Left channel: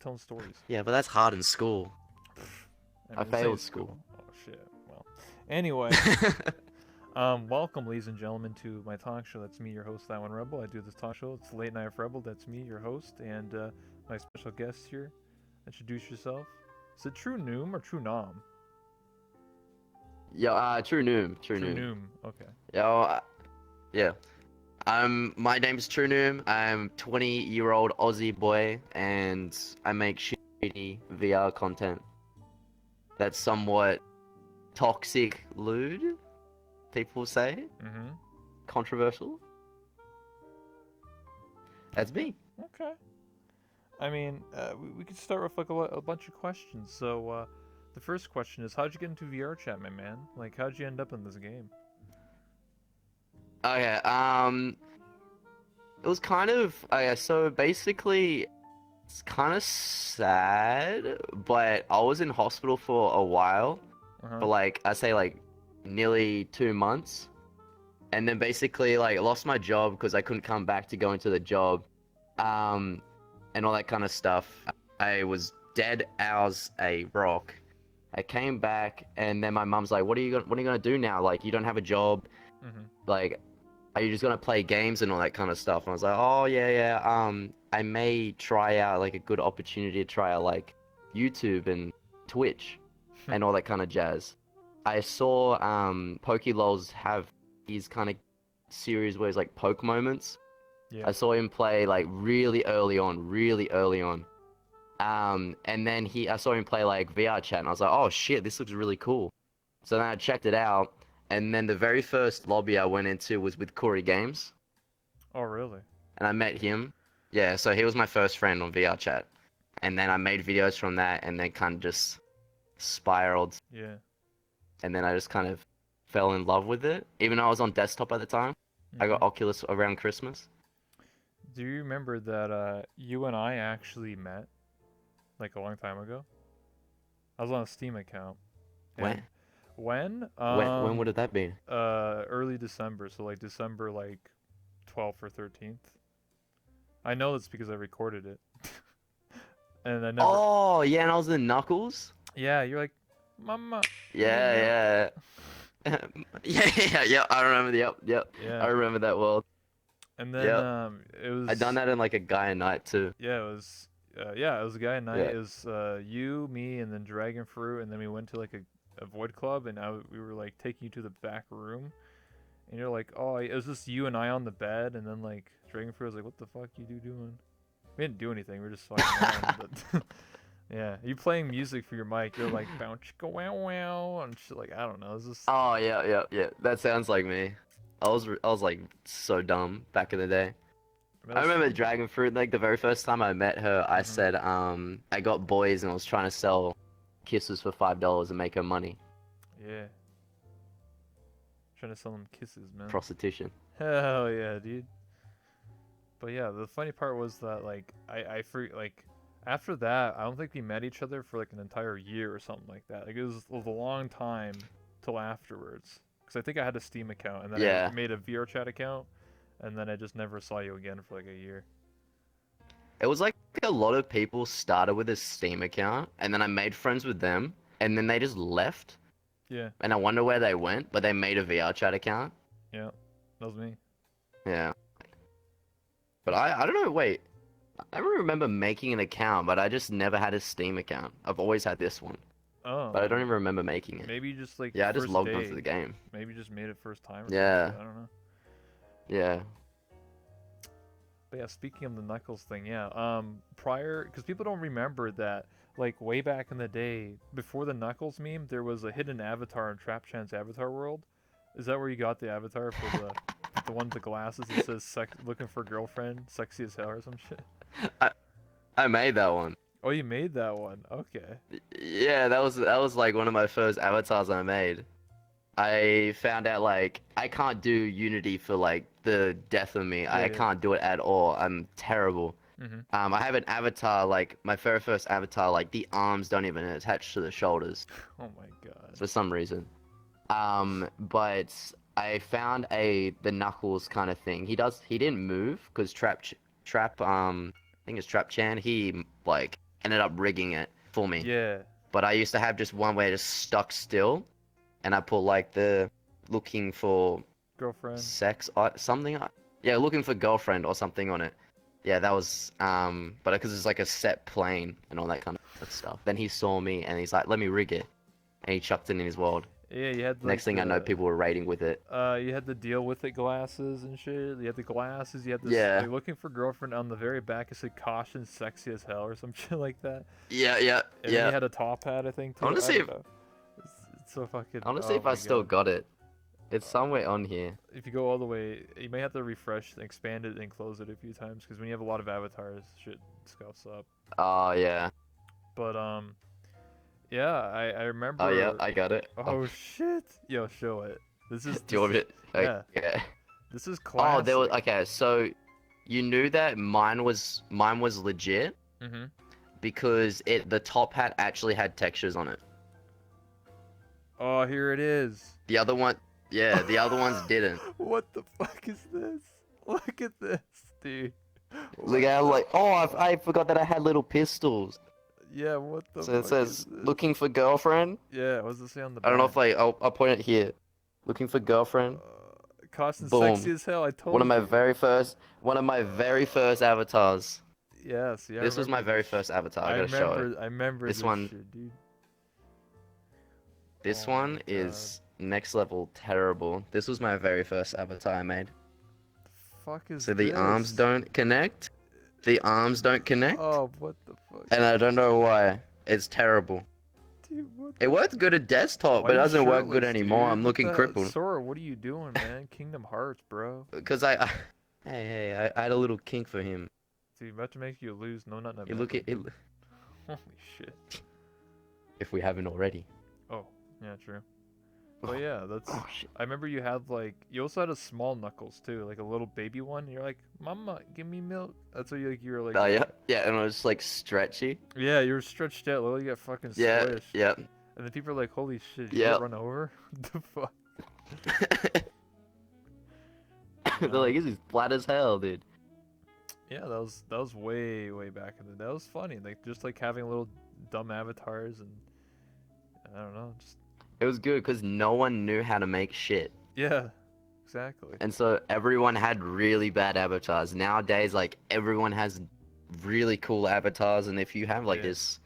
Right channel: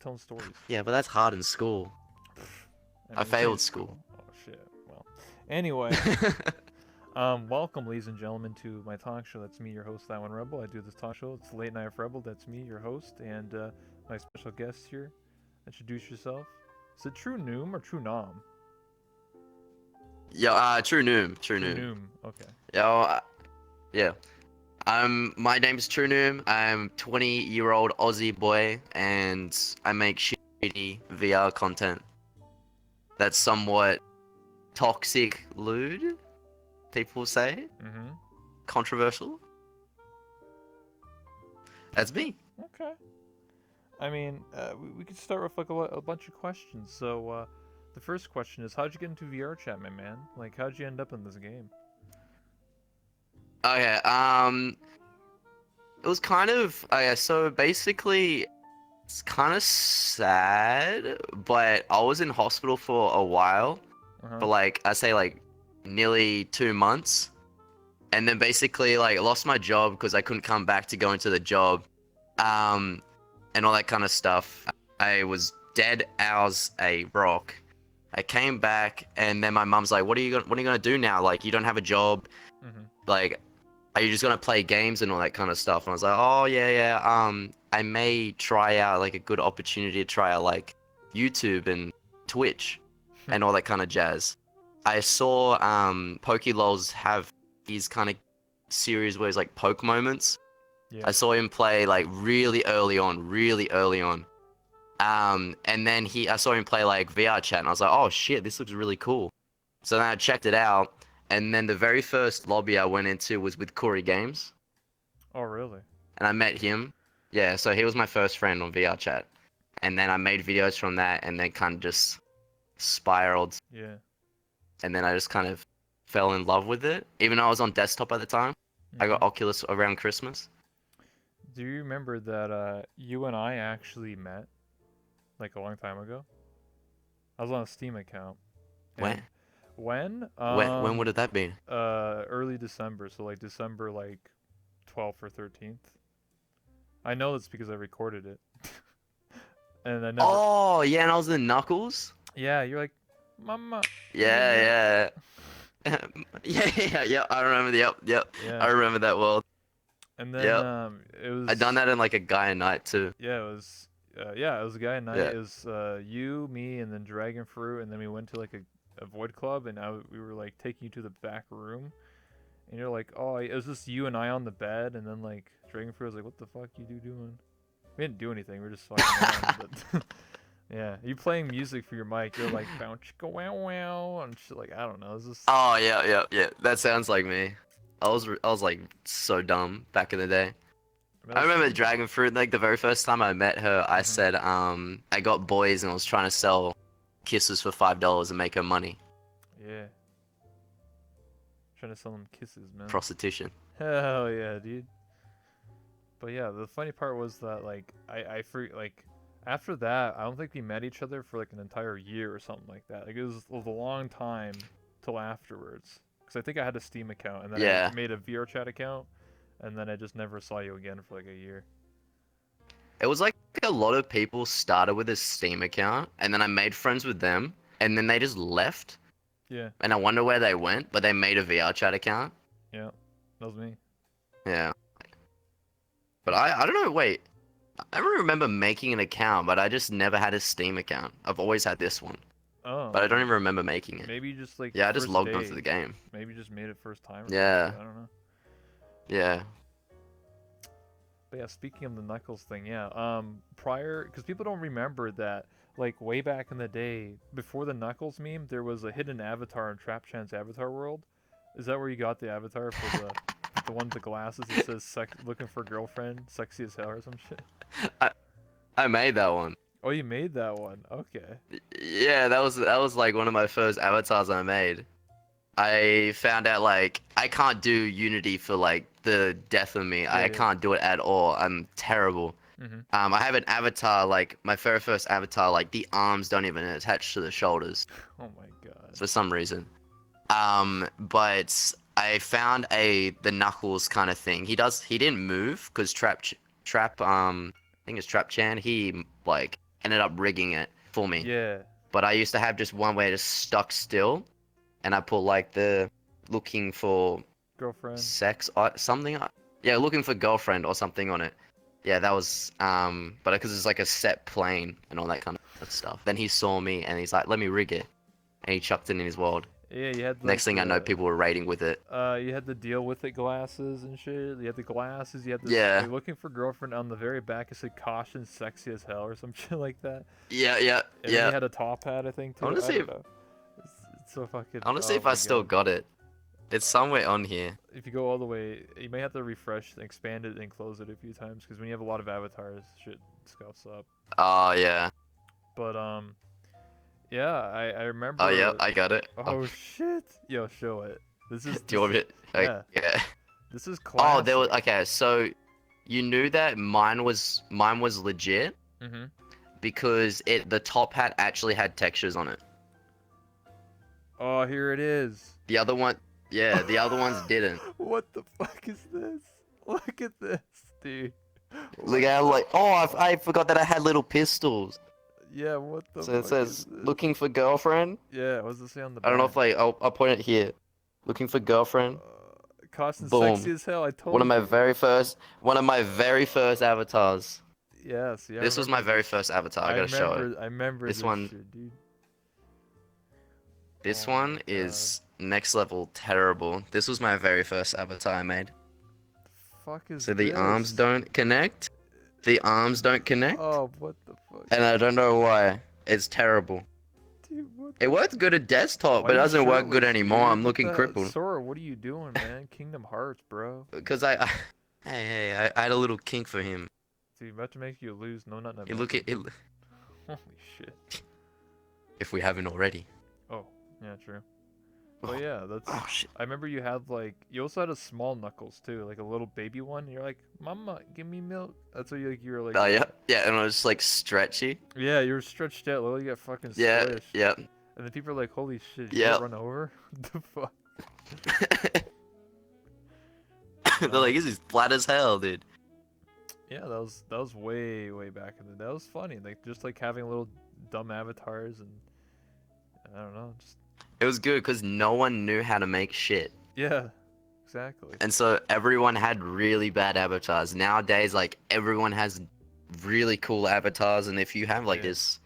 telling stories. Yeah, but that's hard in school. I I mean, this ain't failed school. school. Oh shit. Well, anyway, welcome, ladies and gentlemen, to my talk show. That's me, your host, That One Rebel. I do this talk show. It's Late Night with Rebel. That's me, your host, and my special guest here. Introduce yourself. Is it Trunoom or Trunom? Yo, Trunoom, Trunoom. Trunoom. Okay. Yo, yeah. My name is Trunoom. I'm 20-year-old Aussie boy, and I make shitty VR content. That's somewhat toxic, lewd. People say Mm-hmm. controversial. That's me. Okay. I mean, we could start with like a bunch of questions. So, the first question is, how'd you get into VR chat, my man? Like, how'd you end up in this game? Okay. It was kind of so basically it's kind of sad, but I was in hospital for a while, Uh huh. for like I say like nearly 2 months, and then basically like I lost my job because I couldn't come back to go into the job, um, and all that kind of stuff. I was dead as a rock. I came back, and then my mum's like, what are you gonna do now? Like, you don't have a job. Mm-hmm. Like, are you just gonna play games and all that kind of stuff? And I was like, oh yeah, yeah. I may try out like a good opportunity to try out like YouTube and Twitch and all that kind of jazz. I saw PokeLols have these kind of series where it's like poke moments. Yeah. I saw him play like really early on, really early on. And then I saw him play like VR chat, and I was like, oh shit, this looks really cool. So then I checked it out, and then the very first lobby I went into was with Corey Games, Oh, really? and I met him. Yeah, so he was my first friend on VR chat, and then I made videos from that, and then kind of just spiraled, Yeah. and then I just kind of fell in love with it. Even though I was on desktop at the time, I Mm-hmm. got Oculus around Christmas. Do you remember that you and I actually met like a long time ago? I was on a Steam account, and When? when When would have that been? early December, so like December like 12th or 13th. I know it's because I recorded it, and I never. Oh yeah, and I was in Knuckles. Yeah, you're like, Mama, give me milk. Yeah, yeah. Yeah. I remember. Yep. I Yeah, remember that world. and then Yep. it I done was that in like a Gaia night too. yeah, it was a guy night. Yeah. It was you, me, and then Dragon Fruit, and then we went to like a Void Club, and we were like taking you to the back room, and you're like, oh, it was just you and I on the bed, and then like Dragon Fruit was like, what the fuck you doing? We didn't do anything. We were just fucking around, but yeah, you playing music for your mic. You're like bounce go wow wow and shit. Like I don't know. It's just Oh yeah. That sounds like me. I was like so dumb back in the day. that I was remember fun. Dragon Fruit. Like the very first time I met her, I Mhm. said I got boys and I was trying to sell kisses for $5 and make her money. Yeah, trying to sell them kisses, man. Prostitution. Hell yeah, dude. But yeah, the funny part was that like like after that, I don't think we met each other for like an entire year or something like that. Like it was a long time till afterwards. Because I think I had a Steam account and then I Yeah. made a VR chat account, and then I just never saw you again for like a year. It was like a lot of people started with a Steam account and then I made friends with them and then they just left. Yeah, And I wonder where they went, but they made a VR chat account. yeah, that was me. Yeah. But I don't know, wait. I remember making an account, but I just never had a Steam account. I've always had this one, Oh, but I don't even remember making it. maybe just like Yeah, I just first logged onto day. the game. Maybe just made it first time or some Yeah, shit. I don't know. yeah. But yeah, speaking of the Knuckles thing, yeah. Prior, because people don't remember that, like way back in the day, before the Knuckles meme, there was a hidden avatar in Trapchan's Avatar World. Is that where you got the avatar for the one with the glasses that says looking for girlfriend, sexy as hell or some shit? I I made that one. Oh, you made that one. Okay. Yeah, that was like one of my first avatars I made. I found out like I can't do Unity for like the death of me. Yeah, I yeah. can't do it at all. I'm terrible. Mhm. I have an avatar like my very first avatar like the arms don't even attach to the shoulders Oh my god. for some reason. But I found the Knuckles kind of thing. He didn't move because Trap I think it's Trap Chan. He like ended up rigging it for me. Yeah. But I used to have just one where it just stuck still, and I put like the looking for Girlfriend. sex something. Yeah, looking for girlfriend or something on it. Yeah, that was but because it's like a set plane and all that kind of stuff. Then he saw me and he's like, "Let me rig it," and he chucked it in his world. Yeah, you had like Next thing I know, people were raiding with it. you had the deal with it glasses and shit. You had the glasses. You had this Yeah, like looking for girlfriend on the very back. It said caution, sexy as hell or some shit like that. yeah, yeah, And then you yeah. had a top hat, I think I too. want to I see don't if know. It's so fucking. I want to see Oh if I my still god. got it. It's somewhere on here. If you go all the way, you may have to refresh, expand it, and close it a few times because when you have a lot of avatars, shit scuffs up. Oh yeah. But yeah, I Oh yeah, remember. I got it. Oh, Oh shit! Yo, show it. This is do you want this me? is To, yeah. yeah. This is Oh, there was classic. okay. So you knew that mine was legit Mhm. because the top hat actually had textures on it. Oh, here it is. The other one, yeah, the other ones didn't. What the fuck is this? Look at this, dude. Look, What I'm the like, oh, fuck? I forgot that I had little pistols. Yeah, what the So it fuck is says this? looking for girlfriend. Yeah, what's it say on the I don't know back? if I'll point it here. Looking for girlfriend. Cost and sexy Boom. as hell. I told you. One of my very first avatars. Yeah, see, I This was my remember very this shit. first avatar. I gotta show it. I remember This this one, shit, dude. this Oh my one god. is next level terrible. This was my very first avatar I made. Fuck is So the arms this? don't connect. The arms don't connect, Oh, what the fuck? and I don't know why. It's terrible. Dude, what It the works good at desktop, Why but it you doesn't work good shirtless, anymore. dude? I'm What looking the crippled. Sora, what are you doing, man? Kingdom Hearts, bro. Because hey, I had a little kink for him. Dude, about to make you lose. No, not You look at it, Holy shit. if we haven't already. Oh, yeah, true. Oh, But yeah, that's. oh shit. I remember you had like. You also had a small Knuckles too, like a little baby one. You're like, Mama, give me milk. That's what you were like. Oh yeah, yeah, and it was like stretchy. Yeah, you were stretched out. Literally got fucking Yeah, squished. yeah, And then people are like, holy shit, you yeah. get run over? the fuck? They're like, this is flat as hell, dude. Yeah, that was way back in the day. That was funny. Like just like having little dumb avatars and I don't know, just It was good because no one knew how to make shit. yeah, exactly. And so everyone had really bad avatars. Nowadays, like, everyone has really cool avatars, and if you have, like, Yeah. this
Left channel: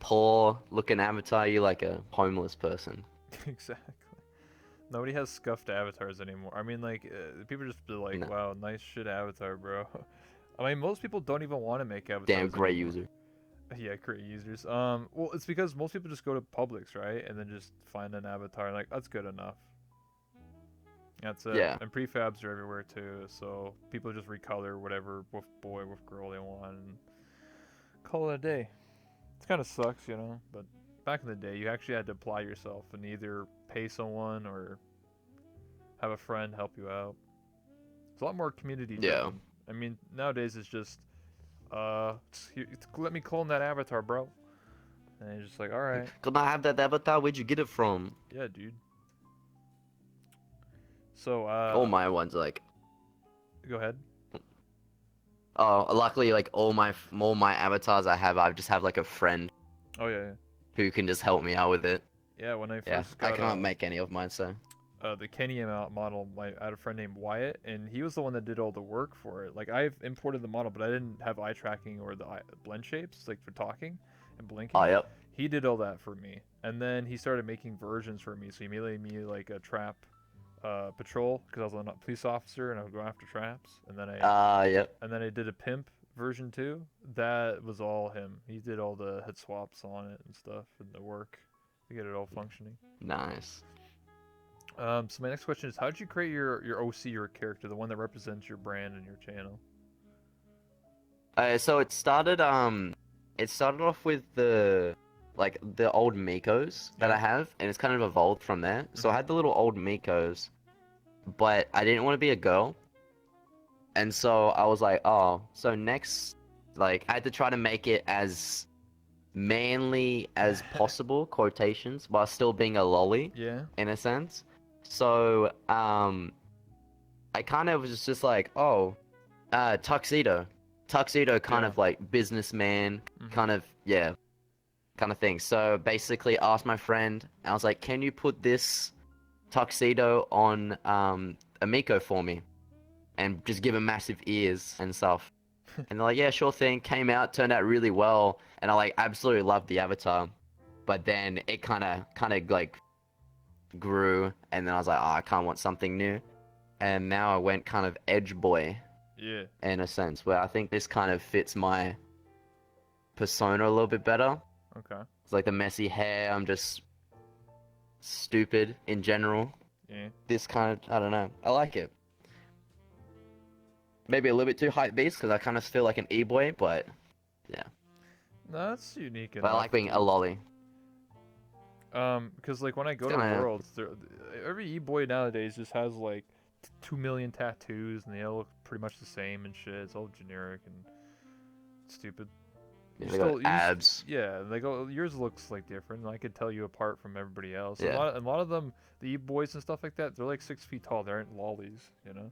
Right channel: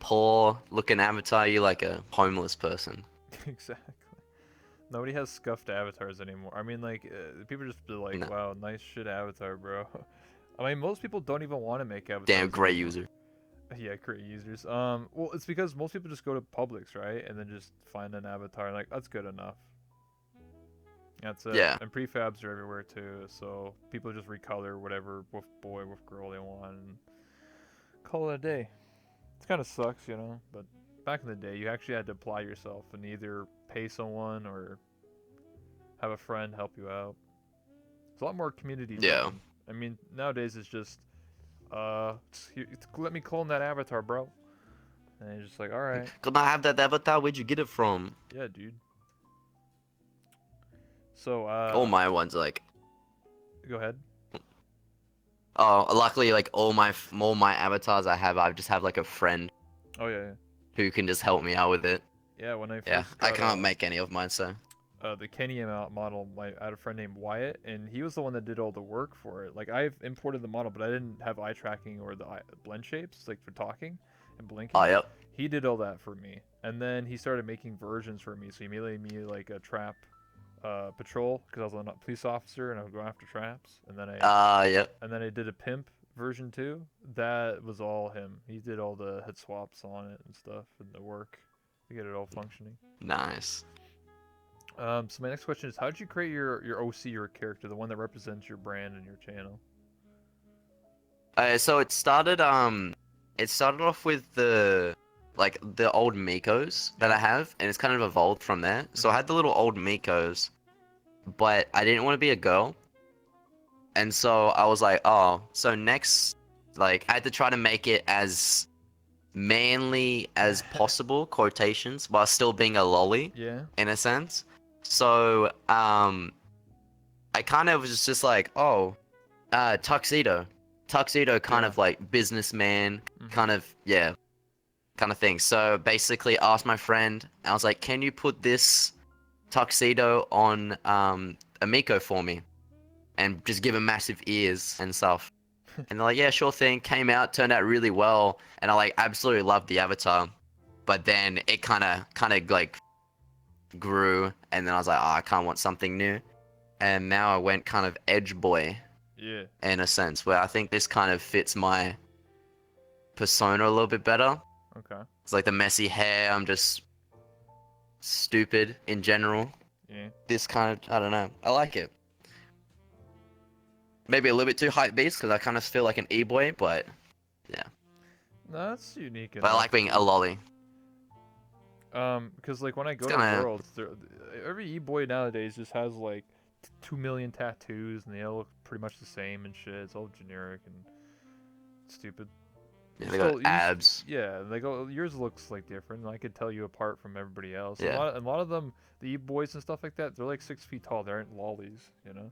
poor looking avatar, you're like a homeless person. Exactly. Nobody has scuffed avatars anymore. I mean, like people just be like, No. "Wow, nice shit avatar, bro." I mean, most people don't even want to make avatars. Damn, great anymore. user. Yeah, great users. Well, it's because most people just go to Publix, right, and then just find an avatar, and like that's good enough. That's it. Yeah. And prefabs are everywhere too, so people just recolor whatever wolf boy, wolf girl they want, and call it a day. It kind of sucks, you know, but back in the day, you actually had to apply yourself and either pay someone or have a friend help you out. It's a lot more community driven. Yeah. I mean, nowadays it's just, let me clone that avatar, bro. And you're just like, all right, Can I have that avatar? Where'd you get it from? yeah, dude. So, All my ones, like, go ahead. oh, luckily, like, all my avatars I just have, like, a friend Oh yeah, who can just help me out with it. yeah. When I Yeah, first I got can't make any of mine, so. the Kenny model, I had a friend named Wyatt, and he was the one that did all the work for it. Like I've imported the model, but I didn't have eye tracking or the blend shapes, like for talking and blinking. Oh, yep. He did all that for me, and then he started making versions for me. So he made me like a trap patrol because I was a police officer and I would go after traps, and then Yep. I did a pimp version too. That was all him. He did all the head swaps on it and stuff and the work to get it all functioning. Nice. So my next question is, how did you create your OC, your character, the one that represents your brand and your channel? So it started off with the old Mikos that I Yeah. have, and it's kind of evolved from there. So I Mhm. had the little old Mikos, but I didn't want to be a girl. And so I was like, oh, so next, like, I had to try to make it as manly as possible, quotations, while still being a lolly, Yeah. in a sense. So, I kind of was just like, oh, tuxedo. tuxedo kind Yeah. of like businessman, Mhm. kind of, yeah, kind of thing. So basically, asked my friend, I was like, "Can you put this tuxedo on Amico for me, and just give him massive ears and stuff?" And they're like, "Yeah, sure thing." Came out, turned out really well, and I like absolutely loved the avatar. But then it kind of like grew, and then I was like, "Oh, I kind of want something new." And now I went kind of edge boy Yeah. in a sense, where I think this kind of fits my persona a little bit better. Okay. It's like the messy hair. I'm just stupid in general. Yeah. This kind of, I don't know. I like it. Maybe a little bit too hype beast because I kind of feel like an e-boy, but yeah. No, that's unique But I enough, like being a dude. lolly. Because like when I It's go to gonna, Worlds, every e-boy nowadays just has like 2 million tattoos, and they all look pretty much the same and shit. It's all generic and stupid. yeah, they got You abs. yeah, like yours looks like different. And I could tell you apart from everybody else. And Yeah. a lot of them, the e-boys and stuff like that, they're like 6 feet tall. They aren't lollies, you know.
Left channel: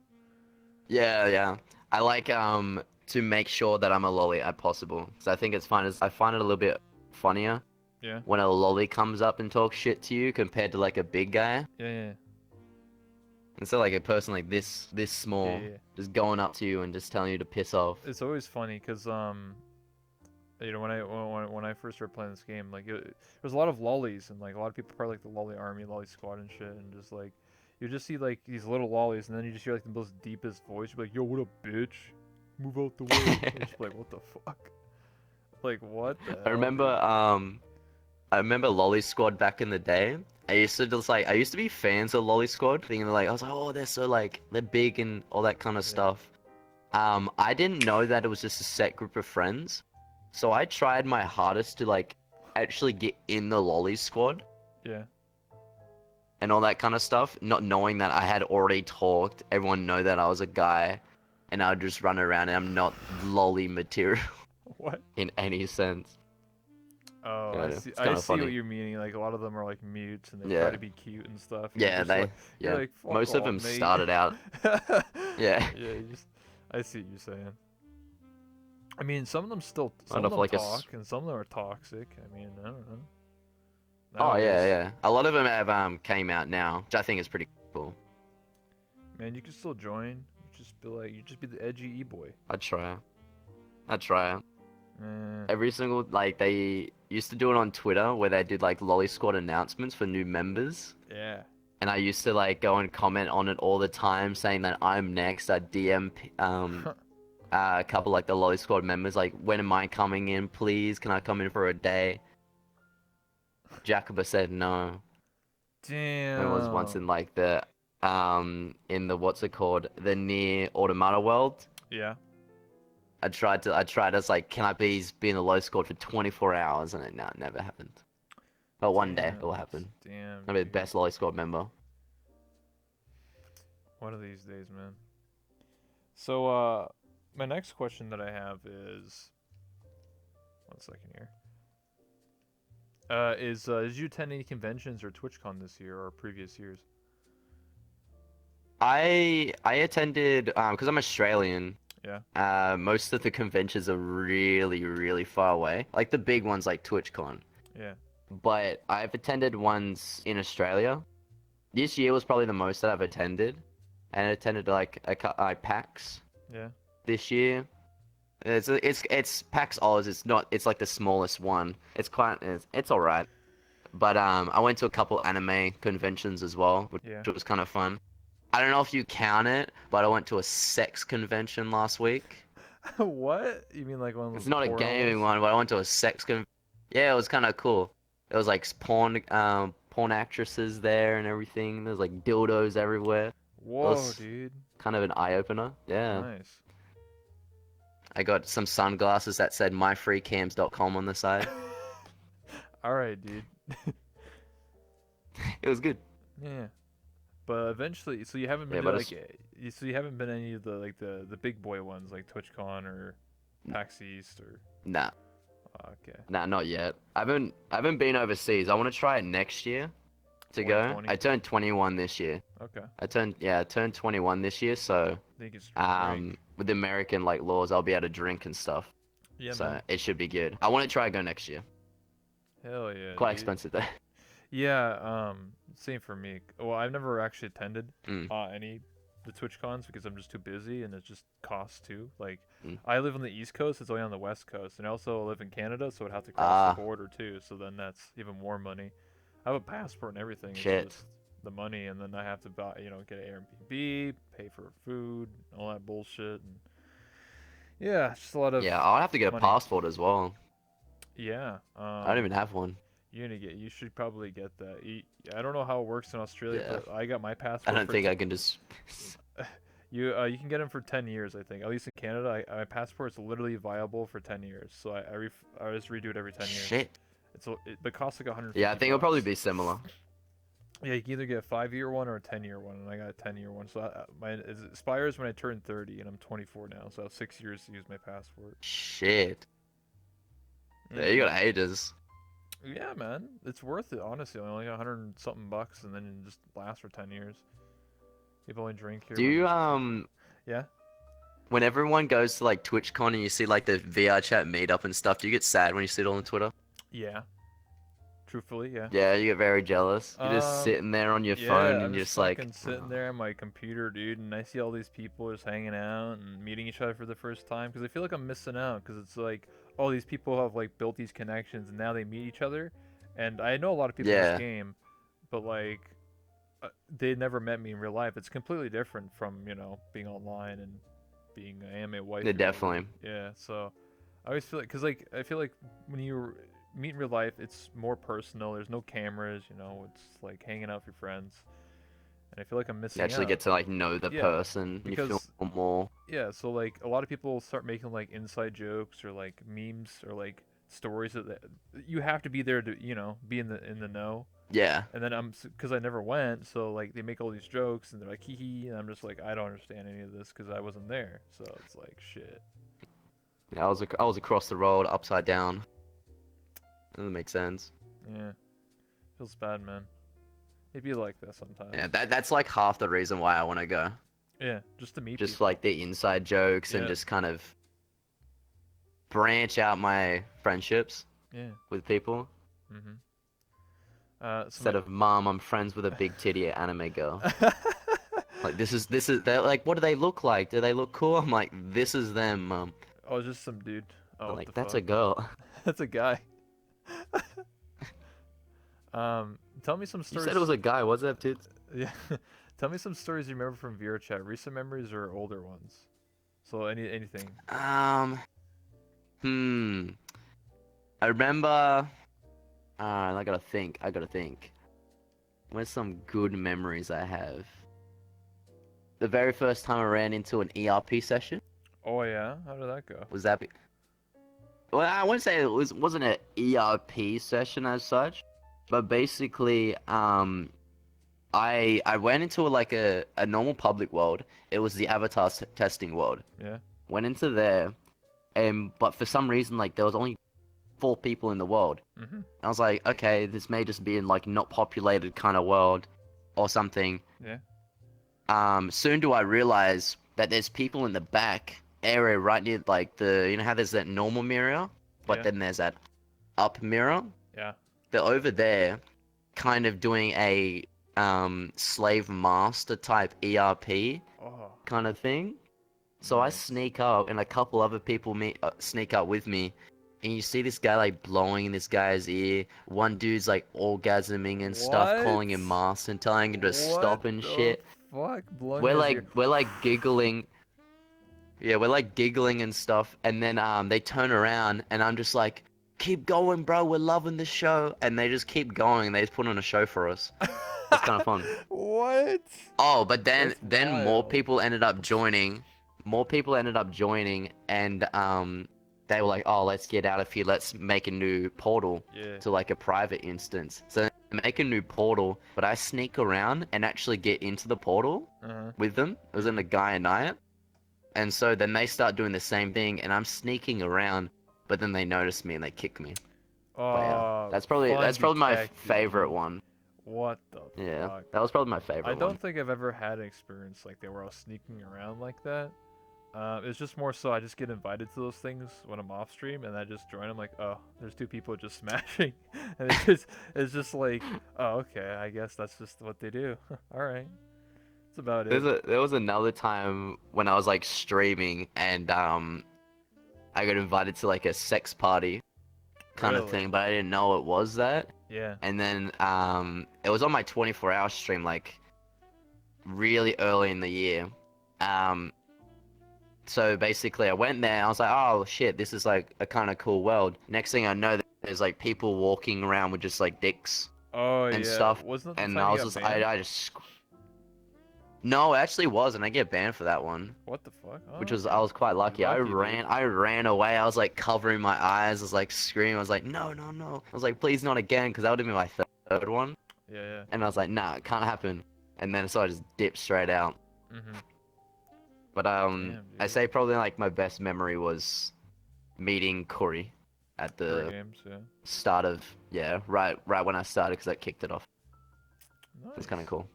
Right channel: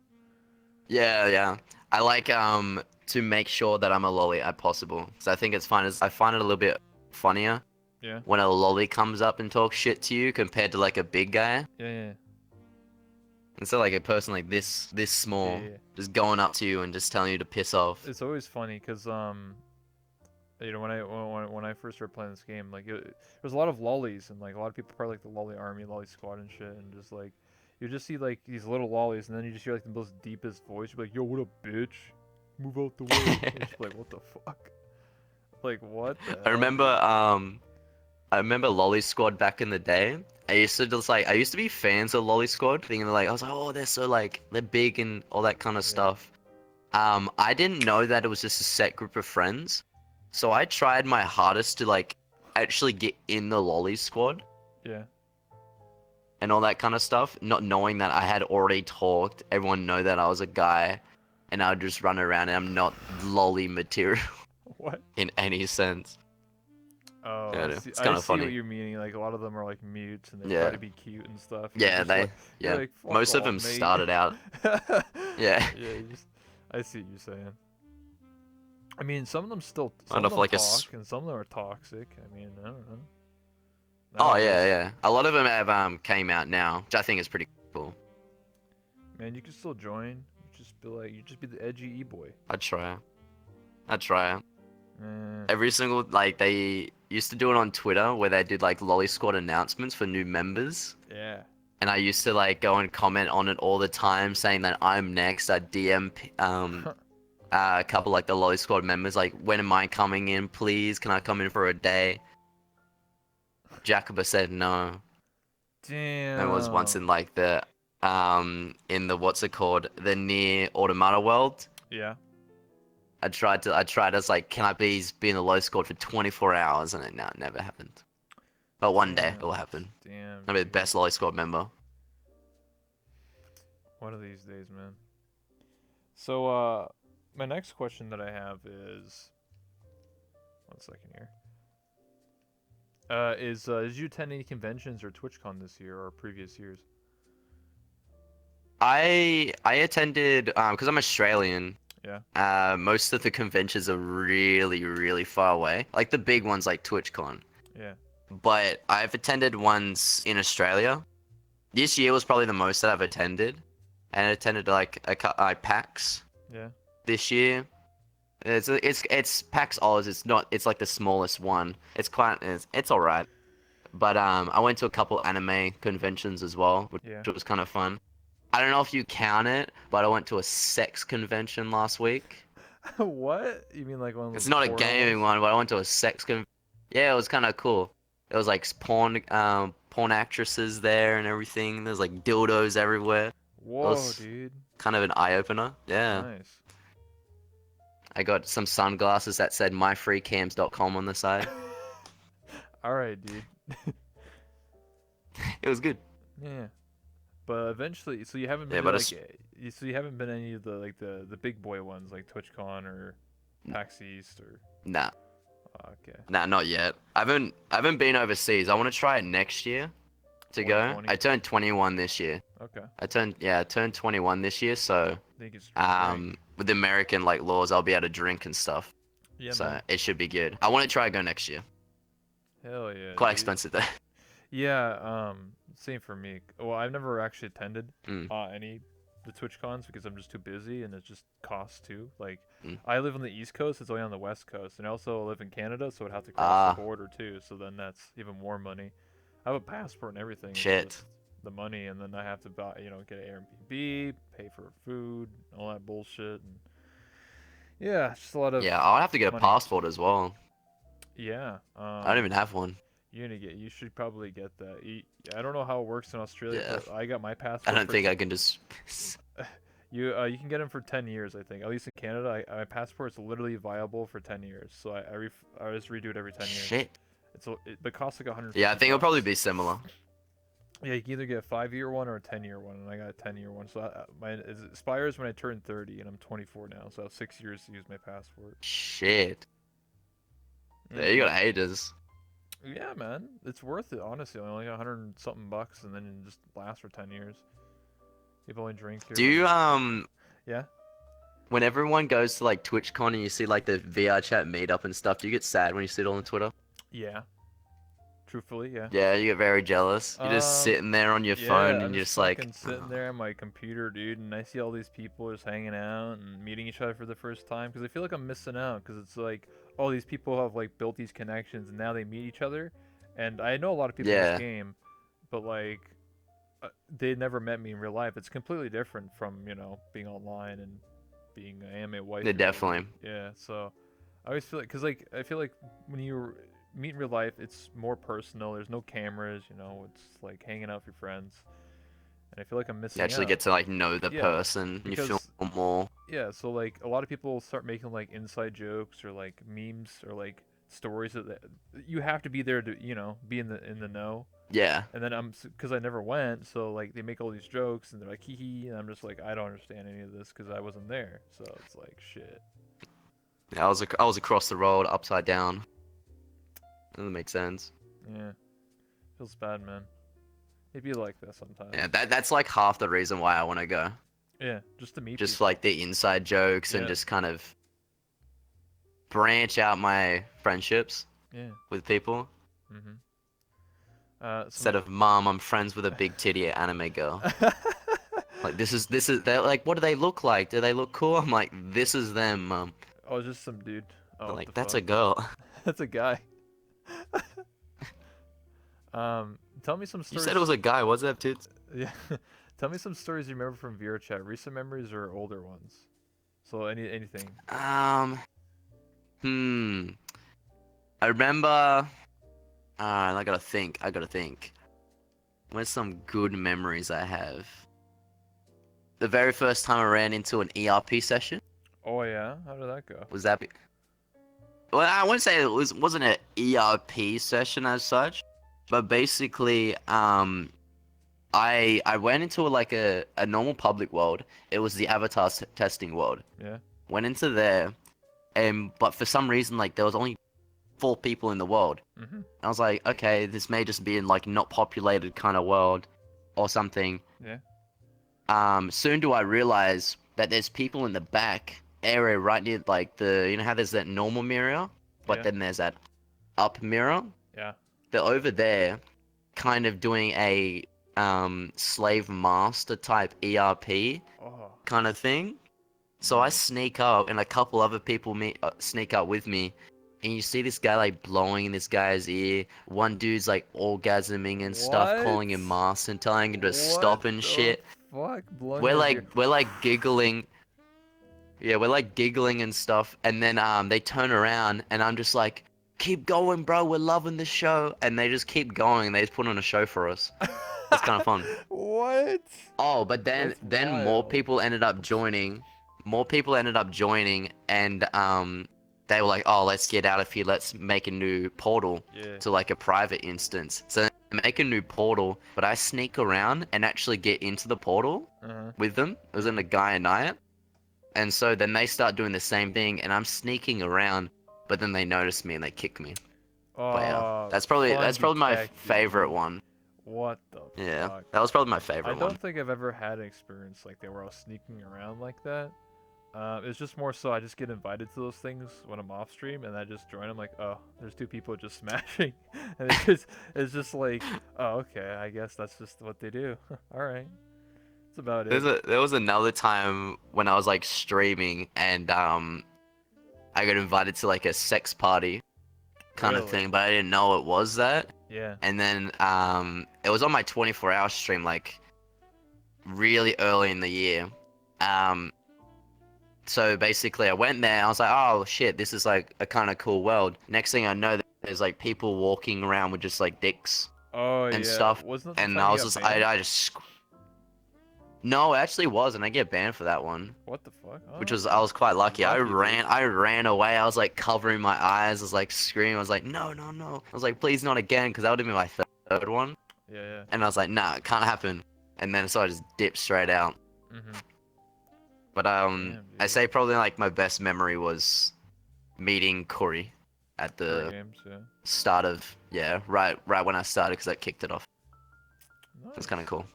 Yeah, yeah. I like to make sure that I'm a lolly at possible. So I think it's fun. I find it a little bit funnier Yeah. when a lolly comes up and talks shit to you compared to like a big guy. Yeah. Yeah. And so like a person like this Yeah. small Yeah. just going up to you and just telling you to piss off. It's always funny because you know, when I first started playing this game, like there's a lot of lollies and like a lot of people probably like the lolly army, lolly squad and shit, and just like you just see like these little lollies, and then you just hear like the most deepest voice. You're like, "Yo, what up, bitch? Move out the way." It's just like, what the fuck? Like, what the I hell, remember dude? I remember Lolly Squad back in the day. I used to be fans of Lolly Squad, thinking like I was like, oh, they're so like they're big and all that kind of Yeah, stuff. I didn't know that it was just a set group of friends, so I tried my hardest to like actually get in the Lolly Squad yeah. and all that kind of stuff, not knowing that I had already talked. Everyone know that I was a guy, and I would just run around and I'm not lolly material What? in any sense. Oh, Yeah, I see. it's I kind of see what funny. you're meaning. Like a lot of them are like mutes and they try Yeah. to be cute and stuff. And Yeah, you're yeah. like, fuck Most of off, them mate. started out, yeah, Yeah, I see what you're saying. I mean, some of them some kind of of them like a. talk, and some of them are toxic. I mean, I don't know. Oh yeah, Nowadays, yeah. A lot of them have came out now, which I think is pretty cool. man, you can still join. You just be the edgy e-boy. I'd try. I'd try. Eh, Every single like they used to do it on Twitter where they did like Lolly Squad announcements for new members, yeah. and I used to like go and comment on it all the time, saying that I'm next. I DM a couple like the Lolly Squad members like, when am I coming in? Please, can I come in for a day? Jacoba said no. It was once Damn. in the what's it called? The near Automata world. Yeah. I tried as like, can I please be in the low squad for 24 hours? And it never happened. But one day it will happen. Damn, I'll be the dude. best lolly squad member. One of these days, man. So, my next question that I have is, one second here. Did you attend any conventions or TwitchCon this year or previous years? I attended because I'm Australian. Yeah. Most of the conventions are really far away. Like the big ones like TwitchCon. Yeah. But I've attended ones in Australia. This year was probably the most that I've attended. And I attended like PAX Yeah. this year. It's PAX Oz. It's like the smallest one. It's all right. But I went to a couple anime conventions as well, which Yeah. was kind of fun. I don't know if you count it, but I went to a sex convention last week. What? You mean like one of It's those not a porno gaming ones? one, but I went to a sex con. Yeah, it was kind of cool. It was like porn actresses there and everything. There's like dildos everywhere. It Whoa, was dude. kind of an eye opener. Yeah. Nice. I got some sunglasses that said myfreecams.com on the side. All right, dude. It was good. Yeah. But eventually, so you haven't Yeah, been to but like, so you haven't been any of the like the big boy ones like TwitchCon or PAX East or. Nah, Okay. nah, not yet. I haven't been overseas. I want to try it next year to go. 2020. I turned 21 this year. Okay. I turned 21 this year, so Think it's drink. with the American like laws, I'll be able to drink and stuff. Yeah, So man. it should be good. I want to try go next year. Hell yeah, Quite dude. expensive though. Yeah, same for me. Well, I've never actually attended Mm, any the Twitch cons because I'm just too busy and it just costs too. Like, mm. I live on the East Coast, it's only on the West Coast, and I also live in Canada, so I'd have to cross the Ah, border too. So then that's even more money. I have a passport and everything. It's shit. just the money, and then I have to buy, get an Airbnb, pay for food, all that bullshit, and yeah, it's just a lot of Yeah, I'll have to get a money. passport as well. Yeah. I don't even have one. You should probably get that. I don't know how it works in Australia, Yeah, but I got my I passport don't for think I can just. you can get them for 10 years, I think. At least in Canada, my passport's literally viable for 10 years. So I just redo it every 10 years. Shit. But it costs like 150 Yeah, I think it'll probably bucks. be similar. Yeah, you can either get a 5-year one or a 10-year one, and I got a 10-year one. So it expires when I turn 30, and I'm 24 now, so I have 6 years to use my passport. Shit. Yeah, you hmm got haters. Yeah, man, it's worth it. Honestly, I only got 100 and something bucks, and then it just lasts for 10 years. People only drink here Do when. you Yeah. when everyone goes to like TwitchCon and you see like the VR chat meetup and stuff, do you get sad when you see it all on Twitter? Yeah. Truthfully, yeah. Yeah, you get very jealous. You're just Um, sitting there on your phone yeah, I'm and you're just just like, fucking sitting there on my computer, dude, and I see all these people just hanging out and meeting each other for the first time because I feel like I'm missing out because it's like all these people have like built these connections and now they meet each other, and I know a lot of people in this yeah, game, but like they never met me in real life. It's completely different from being online and being an anime wife yeah, or whatever. definitely. Yeah, so I always feel like because like I feel like when you meet in real life, it's more personal. There's no cameras, it's like hanging out with your friends, and I feel like I'm You missing actually out. get to like know the Yeah, person. You feel because more. yeah, so like a lot of people start making like inside jokes or like memes or like stories that you have to be there to be in the know. Yeah, And then because I never went, so like they make all these jokes and they're like hee hee, and I'm just like I don't understand any of this because I wasn't there. So it's like shit. yeah. I was across the road, upside down. Doesn't make sense. Yeah, feels bad, man. It'd be like that sometimes. Yeah, that's like half the reason why I want to go. Yeah, just to meet Just people. like the inside jokes and Yeah, just kind of branch out my friendships yeah. with people. Mhm. So Instead of mom, I'm friends with a big titty anime girl. Like this is they're like, what do they look like? Do they look cool? I'm like, this is them, mom. oh, just some dude. Oh, They're what the like, that's a fuck? girl. That's a guy. Tell me some You said stories. it was a guy. What's that, dude? Yeah, tell me some stories you remember from VR chat. Recent memories or older ones. So anything. Um, hmm. I remember. I gotta think. I gotta think. Where's some good memories I have? The very first time I ran into an ERP session Oh yeah, how did that go? was that. Well, I wouldn't say wasn't an ERP session as such, but basically, I went into like a normal public world. It was the avatar testing world. Yeah. Went into there, and but for some reason, like there was only 4 people in the world. Mhm. I was like, okay, this may just be in like not populated kind of world, or something. Yeah. Soon do I realize that there's people in the back area right near like how there's that normal mirror, but Yeah. then there's that up mirror. Yeah. They're over there, kind of doing a slave master type ERP Oh. kind of thing. So I Nice. sneak up, and a couple other people sneak up with me, and you see this guy like blowing in this guy's ear. One dude's like orgasming and stuff, What? calling him master and telling him to What stop and the shit. fuck? Blowing We're his like ear. we're like giggling. Yeah, we're like giggling and stuff, and then they turn around, and I'm just like, "Keep going, bro. We're loving the show," and they just keep going. They just put on a show for us. It's kind of fun. What? Oh, but then That's then more wild. people ended up joining. More people ended up joining, and they were like, "Oh, let's get out of here. Let's make a new portal Yeah. to like a private instance." So they make a new portal, but I sneak around and actually get into the portal Uh-huh. with them. It was in a guy and I, and so then they start doing the same thing, and I'm sneaking around, but then they notice me and they kick me. But yeah, Oh, that's fun probably my detective, favorite G. one. What the Yeah, fuck? that was probably my I favorite one. don't think I've ever had an experience like that where I was sneaking around like that. It's just more so I just get invited to those things when I'm off stream, and I just join. I'm like, oh, there's two people just smashing, and it's just like, oh, okay, I guess that's just what they do. All right, that's about it. There was another time when I was like streaming and I got invited to like a sex party kind of Really? thing, but I didn't know it was that. Yeah. And then it was on my 24-hour stream like really early in the year. Um so basically I went there, I was like, oh shit, this is like a kind of cool world. Next thing I know, there's like people walking around with just like dicks Oh and yeah. stuff. Wasn't that the And time I you was got just banned? I just no, it actually wasn't. I get banned for that one. What the fuck? Which Oh, was okay. I was quite You're lucky. lucky, dude. I ran away. I was like covering my eyes. I was like screaming. I was like, no, no, no. I was like, please not again, because that would have been my third one. Yeah, yeah. And I was like, nah, it can't happen. And then so I just dipped straight out. Mhm. But Damn, I dude. say probably like my best memory was meeting Corey at Curry the games, yeah. start of right when I started, because that kicked it off. It's kind of Nice. cool.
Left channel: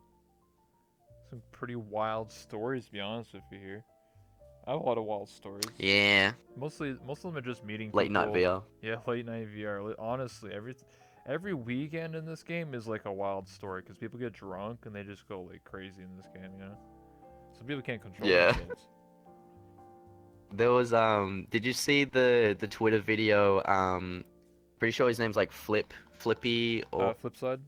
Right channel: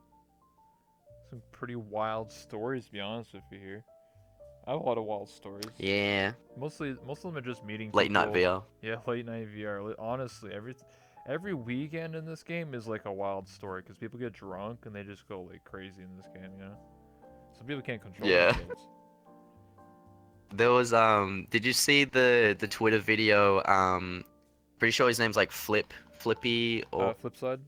Some pretty wild stories, to be honest with you here. I have a lot of wild stories. Yeah, Most of them are just meeting late night people. VR. Yeah, late night VR. Honestly, every weekend in this game is like a wild story because people get drunk and they just go like crazy in this game. You know, some people can't control Yeah. themselves. There was did you see the Twitter video? Pretty sure his name's like Flippy or Flip side.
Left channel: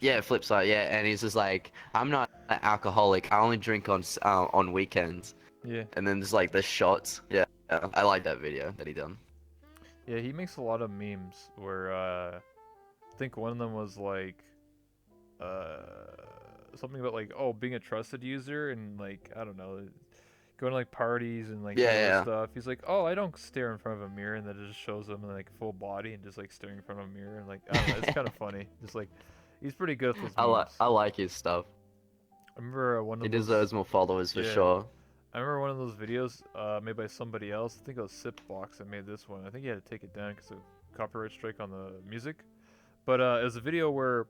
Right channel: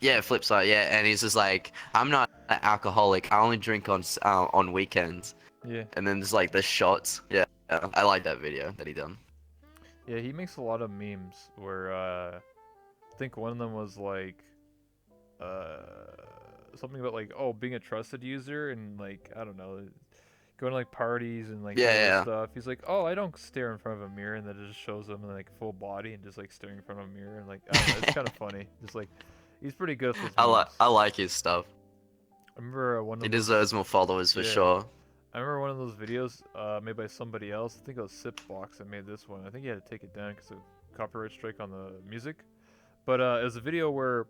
yeah, Flipside, yeah, and he's just like, I'm not an alcoholic. I only drink on weekends. Yeah, And then there's like the shots. Yeah, I like that video that he done. yeah. He makes a lot of memes where I think one of them was like uh something about like oh being a trusted user and like I don't know going to like parties and like Yeah, doing all this yeah. stuff. He's like, oh, I don't stare in front of a mirror, and then it just shows him like full body and just like staring in front of a mirror and like I don't know. It's kind of funny. Just like he's pretty good with those memes. I like his stuff. I remember one He of those. deserves more followers for Yeah, sure. I remember one of those videos made by somebody else. I think it was Sipbox that made this one. I think he had to take it down because of copyright strike on the music. But it was a video where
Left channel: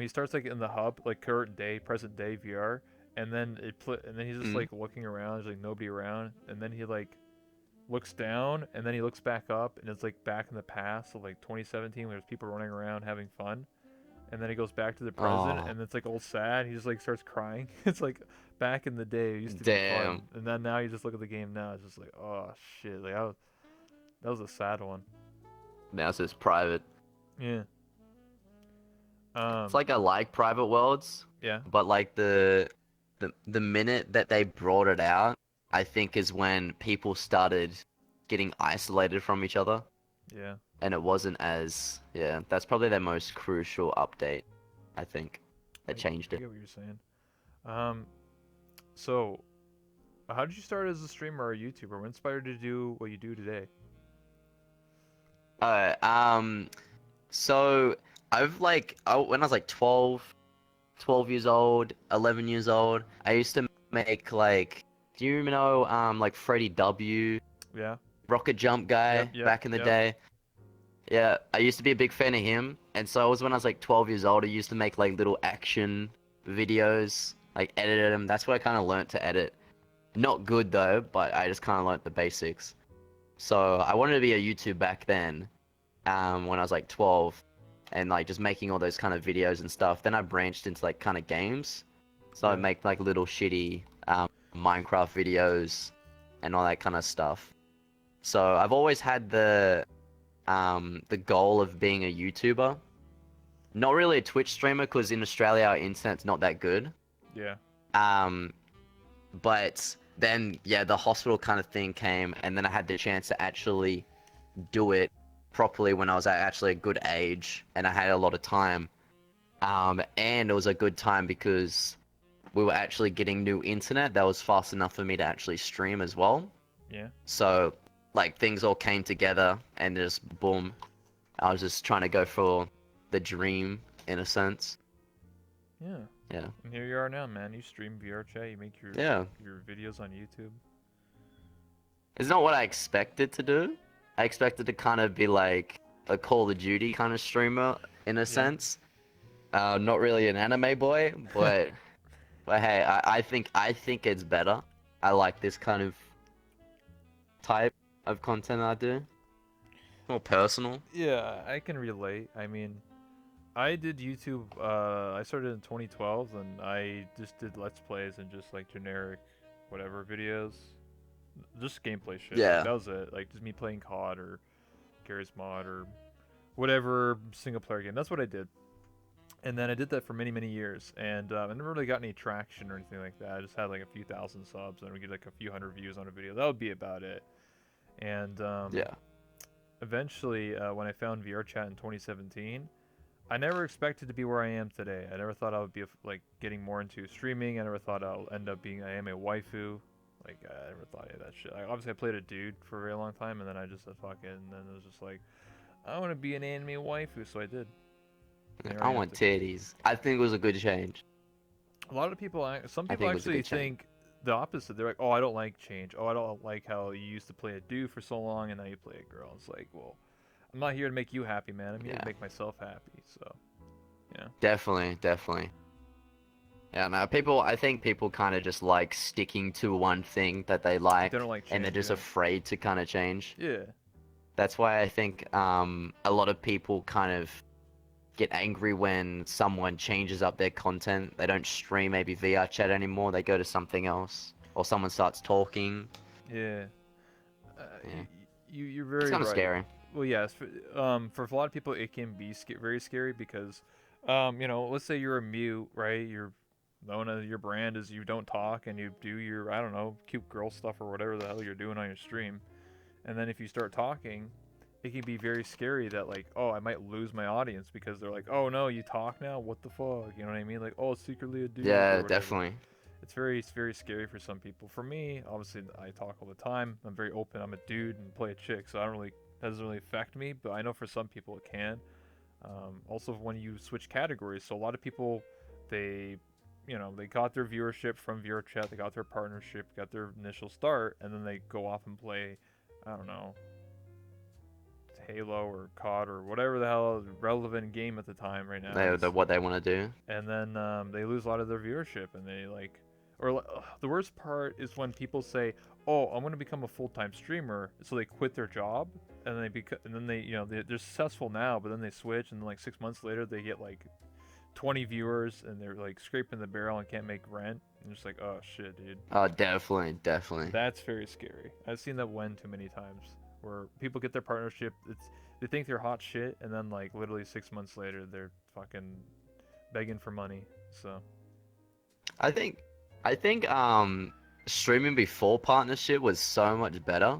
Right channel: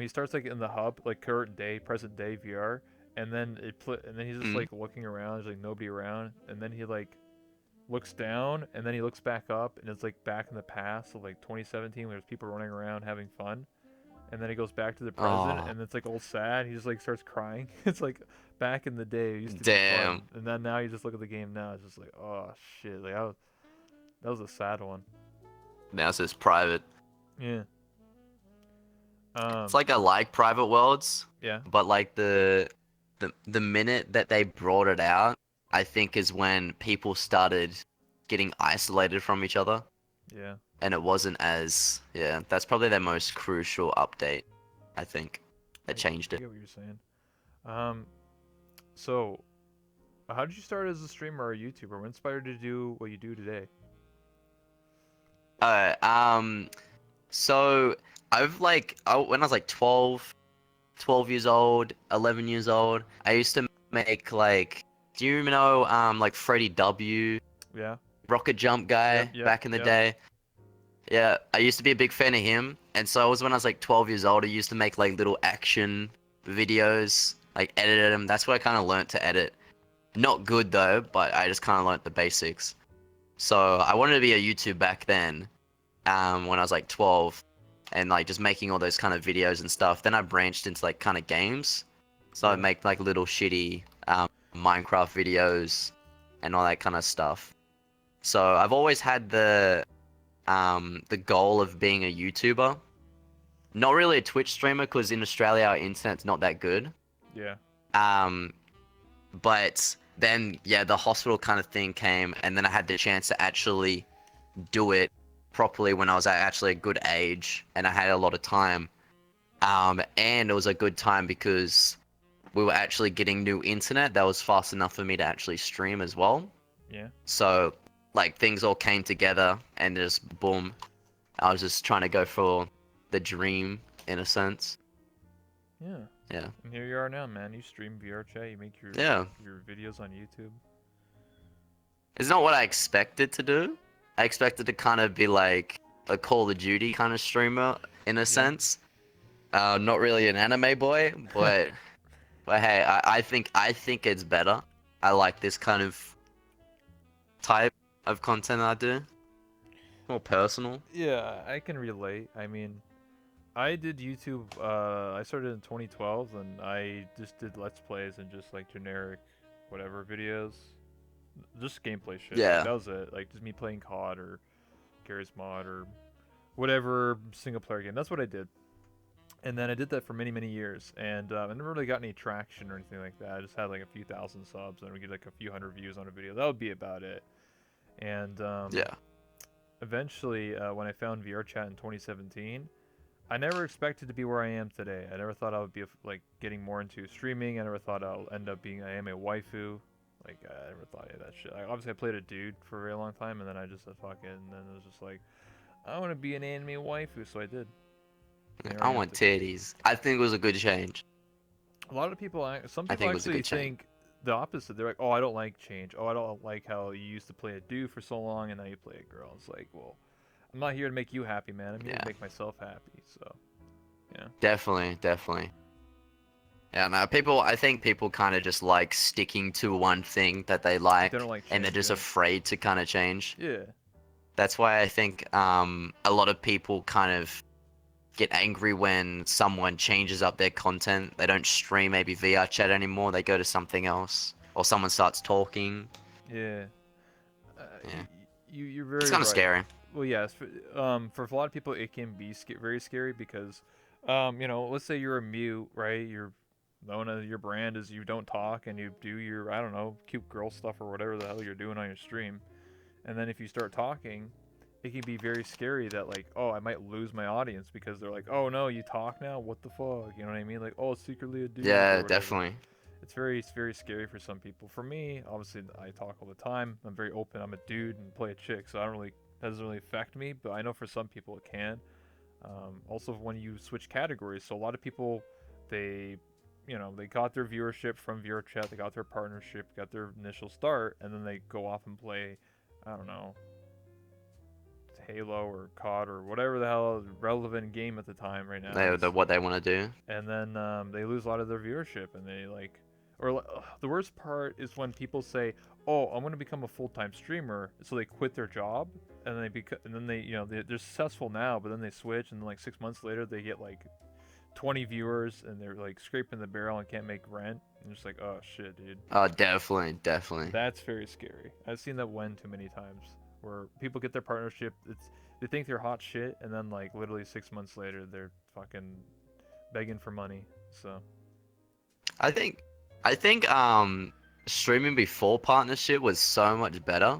he starts like in the hub, like current day, present day VR, and then and then he's just Mm. like looking around. There's like nobody around, and then he like looks down, and then he looks back up, and it's like back in the past, so like 2017, where there's people running around having fun, and then he goes back to the present, Oh, and it's like all sad. He just like starts crying. It's like back in the day, it used to be fun, damn. and then now you just look at the game now, it's just like oh shit, like that was a sad one. Now it's just private. Yeah. It's like I like private worlds, Yeah. but like the minute that they brought it out, I think is when people started getting isolated from each other, Yeah. and it wasn't as yeah. That's probably their most crucial update, I think. That changed I it. get what you're saying. Um, so how did you start as a streamer or a YouTuber? What inspired you to do what you do today? Uh, um, so when I was like 12 years old, 11 years old, I used to make like, do you know like Freddie W, Yeah. rocket jump Yep. guy Yep. back in the Yep. day? Yeah, I used to be a big fan of him, and so when I was like 12 years old, I used to make like little action videos, like edited them. That's what I kind of learned to edit. Not good though, but I just kind of learned the basics. So I wanted to be a YouTuber back then, when I was like 12, and like just making all those kind of videos and stuff. Then I branched into like kind of games, so I Yeah. make like little shitty Minecraft videos and all that kind of stuff. So I've always had the goal of being a YouTuber. Not really a Twitch streamer, because in Australia our internet's not that good. Yeah. Um, but then yeah, the hospital kind of thing came, and then I had the chance to actually do it properly when I was at actually a good age, and I had a lot of time. And it was a good time because we were actually getting new internet that was fast enough for me to actually stream as well. Yeah. So like things all came together, and just boom, I was just trying to go for the dream in a sense. Yeah. Yeah. And here you are now, man. You stream VR chat. You make Yeah. your videos on YouTube. It's not what I expected to do. I expected to kind of be like a Call of Duty kind of streamer in a Yeah. sense. Not really an anime boy, but hey, I think it's better. I like this kind of type of content I do. More personal. Yeah, I can relate. I mean, I did YouTube. I started in 2012, and I just did Let's Plays and just like generic, whatever videos, just gameplay shit. Like Yeah. that was it. Like just me playing COD or Garry's Mod or whatever single player game. That's what I did. And then I did that for many, many years, and I never really got any traction or anything like that. I just had like a few thousand subs, and we get like a few hundred views on a video. That would be about it. And Yeah. eventually, when I found VR Chat in 2017, I never expected to be where I am today. I never thought I would be like getting more into streaming. I never thought I'll end up being I am a waifu. Like I never thought of that shit. Obviously, I played a dude for a very long time, and then I just said fuck it, and then it was just like I want to be an anime waifu, so I did. And here I I am want titties. I think it was a good change. A lot of people, some I people think it was a actually good change. think the opposite. They're like, "Oh, I don't like change. Oh, I don't like how you used to play a dude for so long and now you play a girl." It's like, well, I'm not here to make you happy, man. I'm here to Yeah. make myself happy. So, yeah, Definitely, definitely. Yeah, no, people, I think people kind of just like sticking to one thing that they they don't like, like and they're change. just Yeah, afraid to kind of change. yeah, That's why I think a lot of people kind of get angry when someone changes up their content. They don't stream maybe VR chat anymore. They go to something else, or someone starts talking. yeah. Yeah, You're it's very kind of right. scary. Well, yes, for a lot of people, it can be very scary because, let's say you're a mute, right? You're known as your brand is you don't talk and you do your I don't know cute girl stuff or whatever the hell you're doing on your stream. And then if you start talking, it can be very scary that like, oh, I might lose my audience because they're like, oh no, you talk now? What the fuck? You know what I mean? Like, oh, it's secretly a dude or Yeah, whatever. definitely. It's very scary for some people. For me, obviously, I talk all the time. I'm very open. I'm a dude and play a chick, so I don't really that doesn't really affect me. But I know for some people it can. Also, when you switch categories, so a lot of people, they, they got their viewership from viewer chat, they got their partnership, got their initial start, and then they go off and play, I don't know, Halo or COD or whatever the hell relevant game at the time right now is, What they want to do. and then they lose a lot of their viewership, and they like, the worst part is when people say, "Oh, I'm going to become a full-time streamer," so they quit their job, and and then they, they're successful now, but then they switch, and then like 6 months later they get like 20 viewers, and they're like scraping the barrel and can't make rent, and just like, oh shit, dude. Oh, definitely, definitely. That's very scary. I've seen that one too many times where people get their partnership. They think they're hot shit, and then like literally 6 months later, they're fucking begging for money. So I think, streaming before partnership was so much better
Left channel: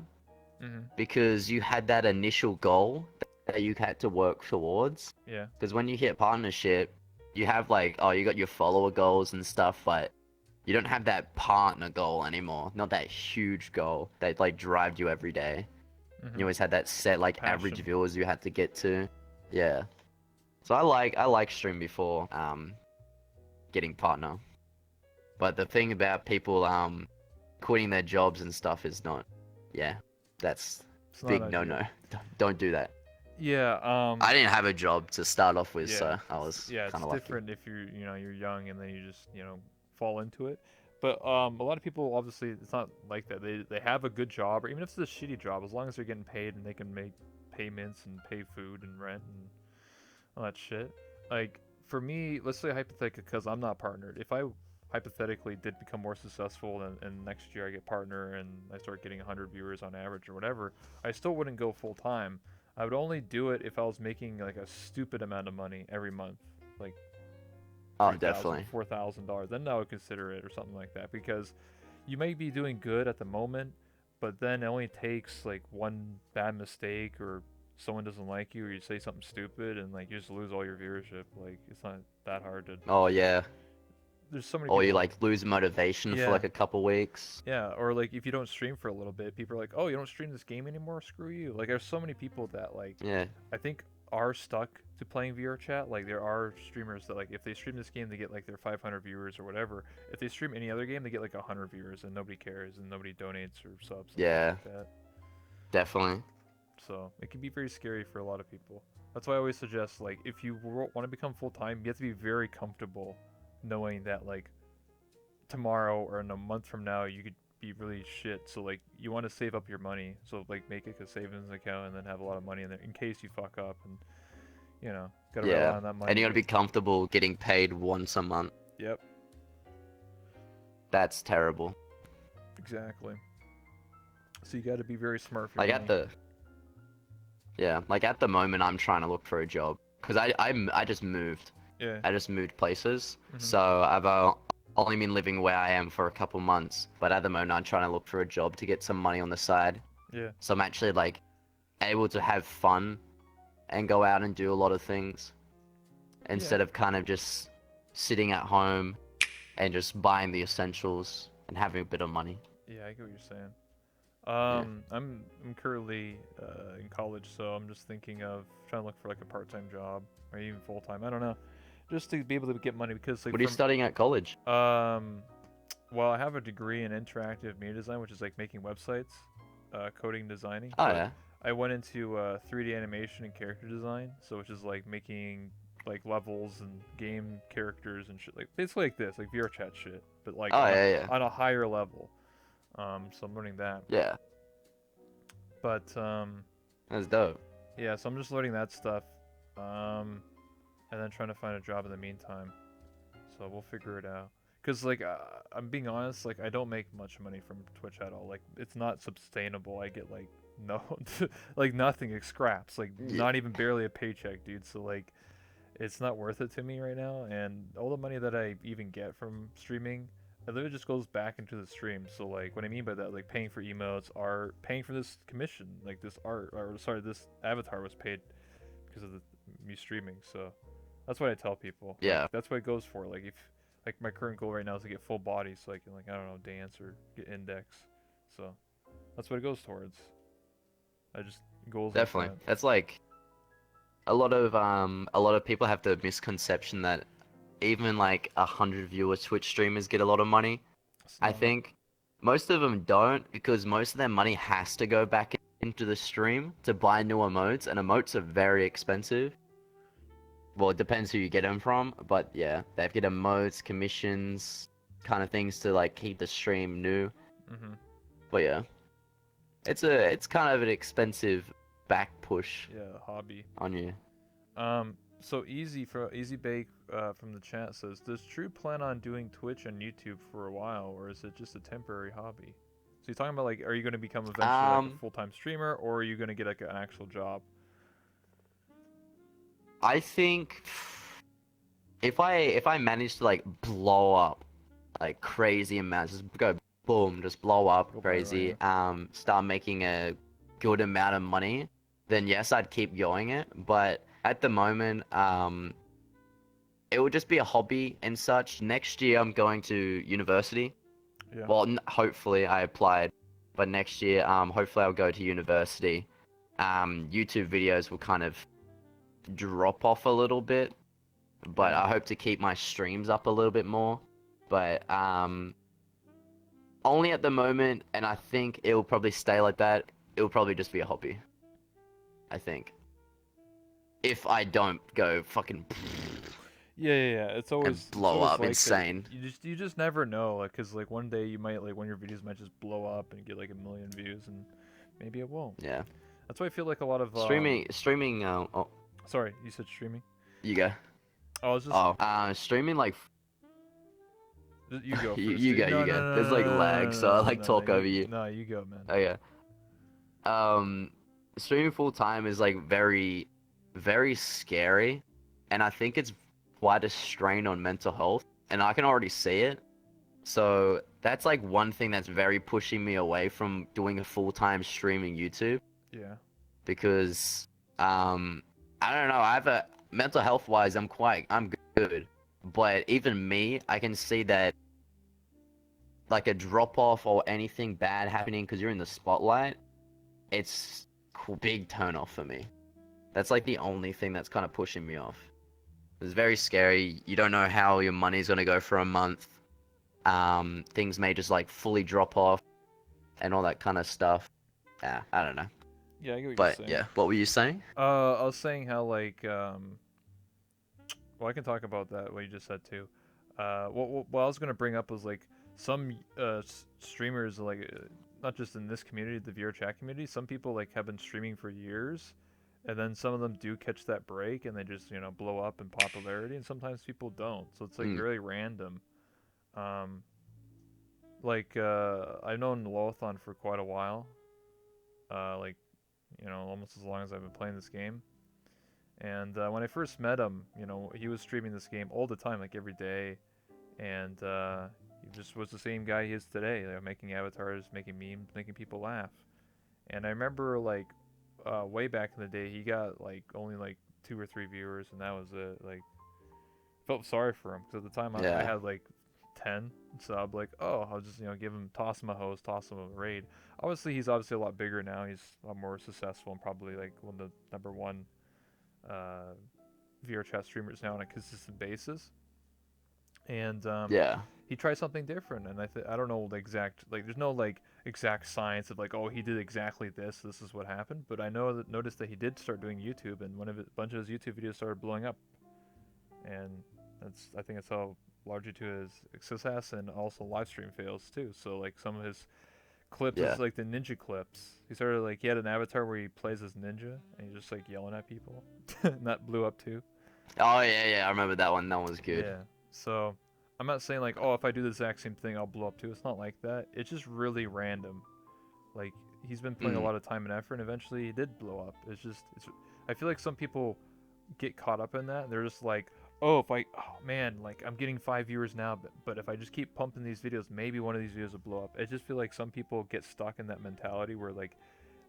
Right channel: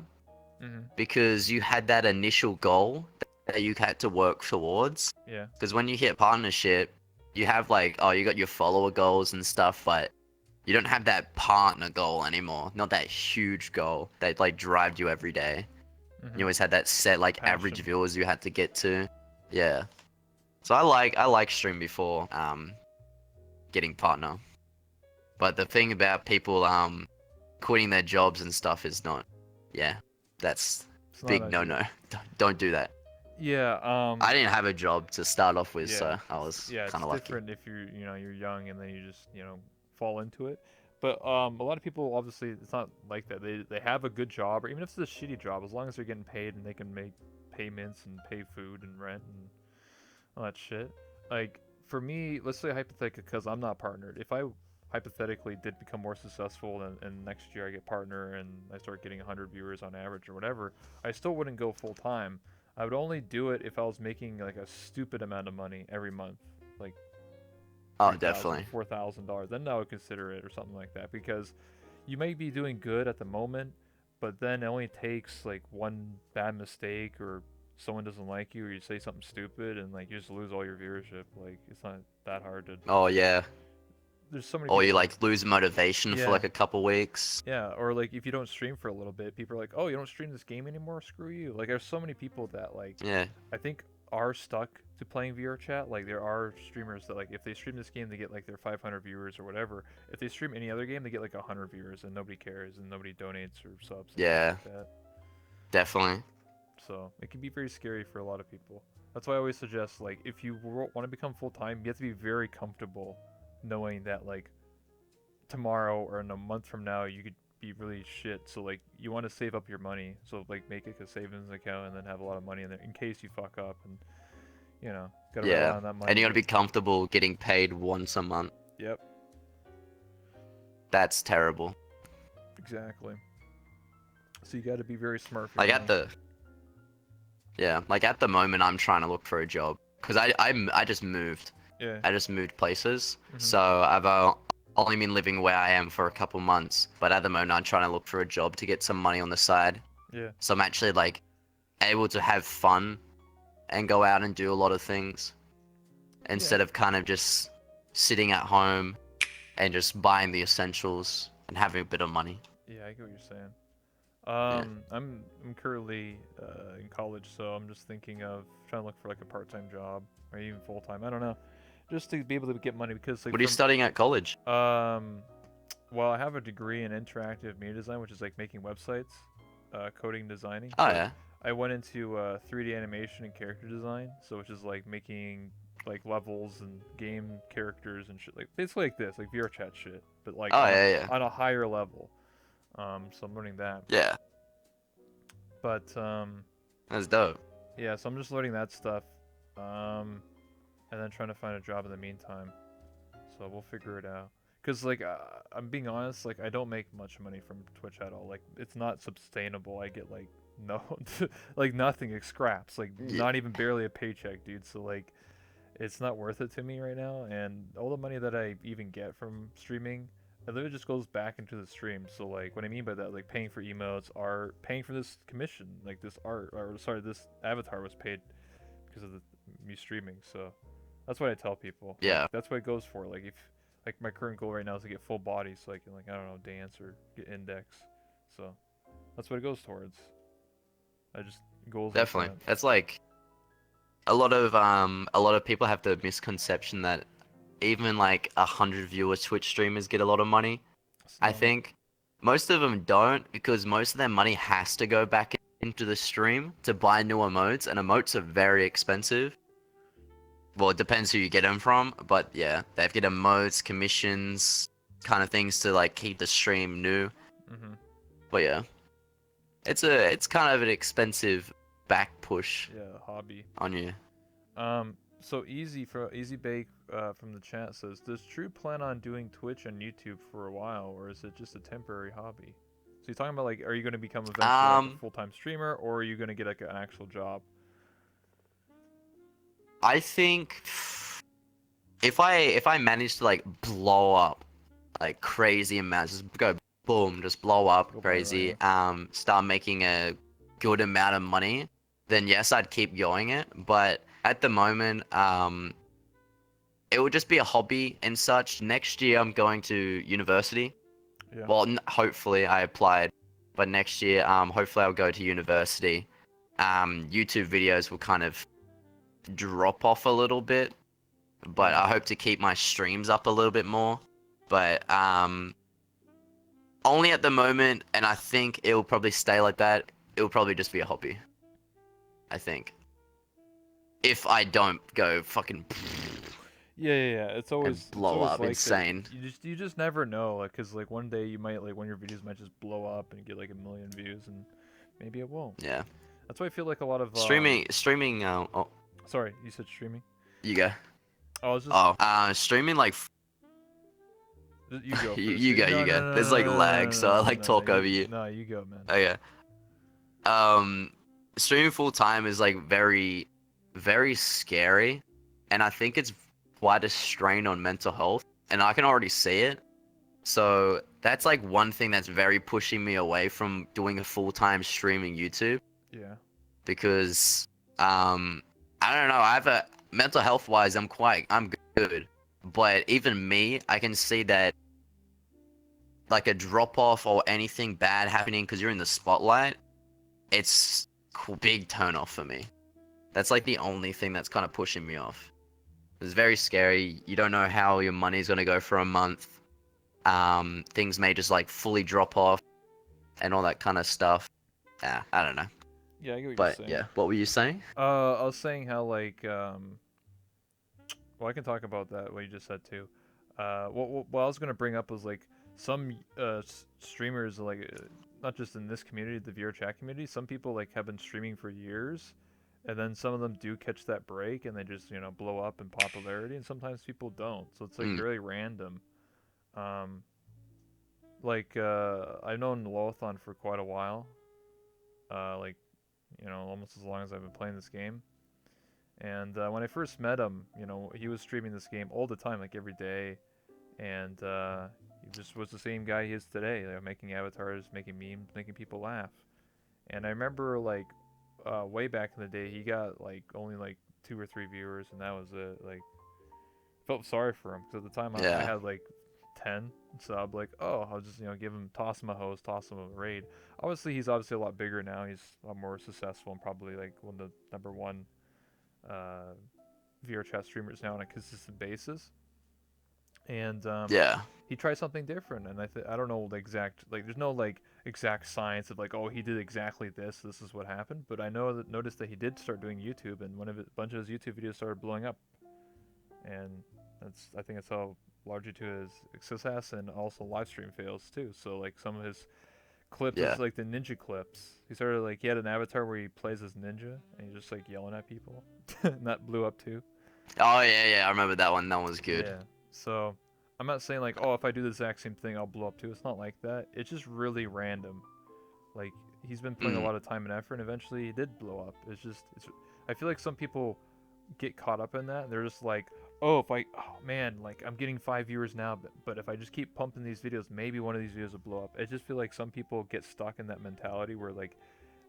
hmm because you had that initial goal that you had to work towards. yeah, Because when you hit partnership, you have like, oh, you got your follower goals and stuff, but you don't have that partner goal anymore. Not that huge goal that like drives you every day. You hmm always had that set like average passion. viewers you had to get to. Yeah. So I like stream before getting partner. But the thing about people quitting their jobs and stuff is not, yeah, that's It's not big no ideal. no. Don't do that. Yeah. I didn't have a job to start off with, Yeah. so I was Yeah. kind It's of lucky. different if you're young and then you just fall into it. But a lot of people obviously it's not like that. They have a good job, or even if it's a shitty job, as long as they're getting paid and they can make payments and pay food and rent and all that shit. Like for me, let's say hypothetically, because I'm not partnered, if I hypothetically did become more successful and next year I get partner and I start getting 100 viewers on average or whatever, I still wouldn't go full time. I would only do it if I was making like a stupid amount of money every month, like Oh, 3,000, definitely. $4,000. Then I would consider it or something like that because you may be doing good at the moment, but then it only takes like one bad mistake or someone doesn't like you or you say something stupid and like you just lose all your viewership. Like it's not that hard to. Oh yeah. There's so many Or you people. like lose motivation for Yeah, like a couple weeks. yeah. Or like if you don't stream for a little bit, people are like, "Oh, you don't stream this game anymore? Screw you!" Like there's so many people that like Yeah. I think are stuck to playing VR chat. Like there are streamers that like if they stream this game, they get like their 500 viewers or whatever. If they stream any other game, they get like 100 viewers and nobody cares and nobody donates or subs and stuff Yeah. like that. Definitely. So it can be very scary for a lot of people. That's why I always suggest, like, if you want to become full time, you have to be very comfortable knowing that, like, tomorrow or in a month from now, you could be really shit. So, like, you want to save up your money. So, like, make it a savings account and then have a lot of money in there in case you fuck up and, gotta Yeah. rely on that And money. you gotta be comfortable getting paid once a month. Yep, That's terrible. exactly. So, you gotta be very smart for Like your at money. the Yeah, like at the moment I'm trying to look for a job because I just moved. Yeah. I just moved places. Hmm. So I've only been living where I am for a couple months, but at the moment I'm trying to look for a job to get some money on the side. Yeah. So I'm actually like able to have fun and go out and do a lot of things Yeah. instead of kind of just sitting at home and just buying the essentials and having a bit of money. Yeah, I get what you're saying. Yeah. I'm currently in college, so I'm just thinking of trying to look for like a part-time job or even full-time. I don't know, just to be able to get money because like What are you studying at college? well, I have a degree in interactive media design, which is like making websites, coding, designing. Oh But yeah. I went into 3D animation and character design, so which is like making like levels and game characters and shit, like basically like this, like VR chat shit, but like Oh yeah, yeah. on a higher level. So I'm learning that. Yeah. But That's dope. yeah, so I'm just learning that stuff, and then trying to find a job in the meantime. So we'll figure it out. Cause like I'm being honest, like I don't make much money from Twitch at all. Like it's not sustainable. I get like no, like nothing, like scraps, like Yeah. not even barely a paycheck, dude. So like it's not worth it to me right now. And all the money that I even get from streaming, it literally just goes back into the stream. So like what I mean by that, like paying for emotes, art, paying for this commission, like this art, or sorry, this avatar was paid because of me streaming. So that's what I tell people. Like Yeah. that's what it goes for. Like if like my current goal right now is to get full body, so I can like I don't know dance or get index. So that's what it goes towards. I just goals like Definitely. that. That's like a lot of people have the misconception that even like 100 viewers Twitch streamers get a lot of money. It's I not. think most of them don't because most of their money has to go back into the stream to buy new emotes, and emotes are very expensive. Well, it depends who you get them from, but yeah, they have to get emotes, commissions, kind of things to like keep the stream new. Mm-hmm. But yeah, it's kind of an expensive back push Yeah, hobby. on you. So Easy Bake from the chat says, does True plan on doing Twitch and YouTube for a while, or is it just a temporary hobby? So you're talking about like, are you going to become eventually like a full-time streamer, or are you going to get like an actual job? I think if I manage to like blow up like crazy amounts, just go boom, just blow up Go crazy, viral, start making a good amount of money, then yes, I'd keep going it. But at the moment, it would just be a hobby and such. Next year, I'm going to university. yeah. Yeah. Well, hopefully I applied, but next year, hopefully I'll go to university. YouTube videos will kind of drop off a little bit, but Yeah. I hope to keep my streams up a little bit more. But only at the moment, and I think it will probably stay like that. It will probably just be a hobby. I think. If I don't go fucking Yeah. It's and always blow up like that. insane. You just never know, like, cause like one day you might like one of your videos might just blow up and get like 1 million views, and maybe it won't. Yeah. That's why I feel like a lot of Streaming. Oh, Sorry, you said streaming. you go. Oh, I was just Streaming like you go you, first. you Dude. go. You go. There's like lag, so I like talk over you. No, you go, man. Okay. Streaming full time is like very, very scary, and I think it's quite a strain on mental health, and I can already see it. So that's like one thing that's very pushing me away from doing a full time streaming YouTube Yeah. because I don't know. I have a mental health wise, I'm good, but even me, I can see that like a drop off or anything bad happening because you're in the spotlight, it's big turn off for me. That's like the only thing that's kind of pushing me off. It's very scary. You don't know how your money's gonna go for a month. Things may just like fully drop off and all that kind of stuff. Yeah, I don't know. Yeah, I get what you're But saying. yeah, what were you saying? I was saying how like well, I can talk about that what you just said too. What I was gonna bring up was like some streamers like not just in this community, the VR chat community. Some people like have been streaming for years, and then some of them do catch that break and they just blow up in popularity, and sometimes people don't. So it's like Mm, really random. Um, like I've known Lothon for quite a while. Like almost as long as I've been playing this game. And when I first met him, he was streaming this game all the time, like every day, and he just was the same guy he is today, like, making avatars, making memes, making people laugh. And I remember like way back in the day, he got like only like 2 or 3 viewers, and that was it. Like, felt sorry for him because at the time I yeah, had like 10, so I'm like, oh, I'll just give him, toss him a host, toss him a raid. Obviously, he's obviously a lot bigger now. He's a lot more successful and probably like one of the number one uh, VR chat streamers now on a consistent basis. And yeah, he tried something different, and I don't know the exact, like, there's no like exact science of like, oh, he did exactly this. This is what happened. But I know that noticed that he did start doing YouTube, and a bunch of his YouTube videos started blowing up, and I think it's all largely to his success and also live stream fails too. So like some of his clips yeah. is like the ninja clips. He started like he had an avatar where he plays as ninja and he's just like yelling at people, and that blew up too. Oh yeah, yeah. I remember that one. That one was good. Yeah. So I'm not saying like, oh, if I do the exact same thing, I'll blow up too. It's not like that. It's just really random. Like he's been putting a Mm, lot of time and effort, and eventually he did blow up. It's. I feel like some people get caught up in that. They're just like, oh, if I, oh man, like I'm getting 5 viewers now, but if I just keep pumping these videos, maybe one of these videos will blow up. I just feel like some people get stuck in that mentality where like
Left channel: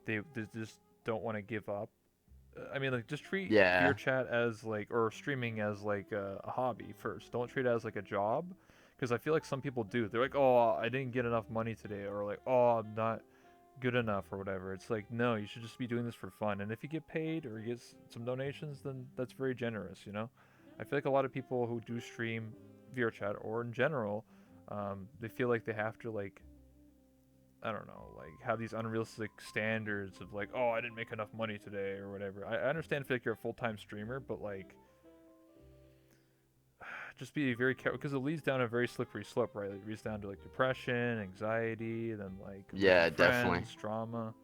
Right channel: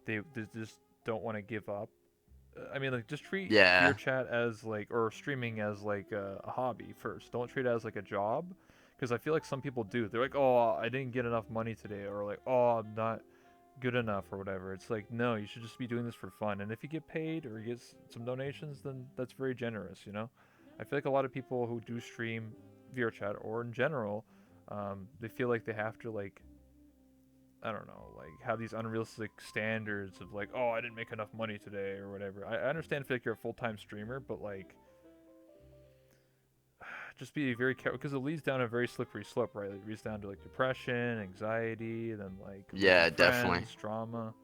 they just don't want to give up. I mean, like, just treat yeah, VR chat as like, or streaming as like a hobby first. Don't treat it as like a job, because I feel like some people do. They're like, oh, I didn't get enough money today, or like, oh, I'm not good enough, or whatever. It's like, no, you should just be doing this for fun. And if you get paid or you get some donations, then that's very generous. I feel like a lot of people who do stream VR chat or in general, they feel like they have to like, I don't know, like have these unrealistic standards of like, oh, I didn't make enough money today or whatever. I understand if like you're a full time streamer, but like, just be very careful because it leads down a very slippery slope, right? It leads down to like depression, anxiety, then like losing yeah. Definitely. friends, trauma,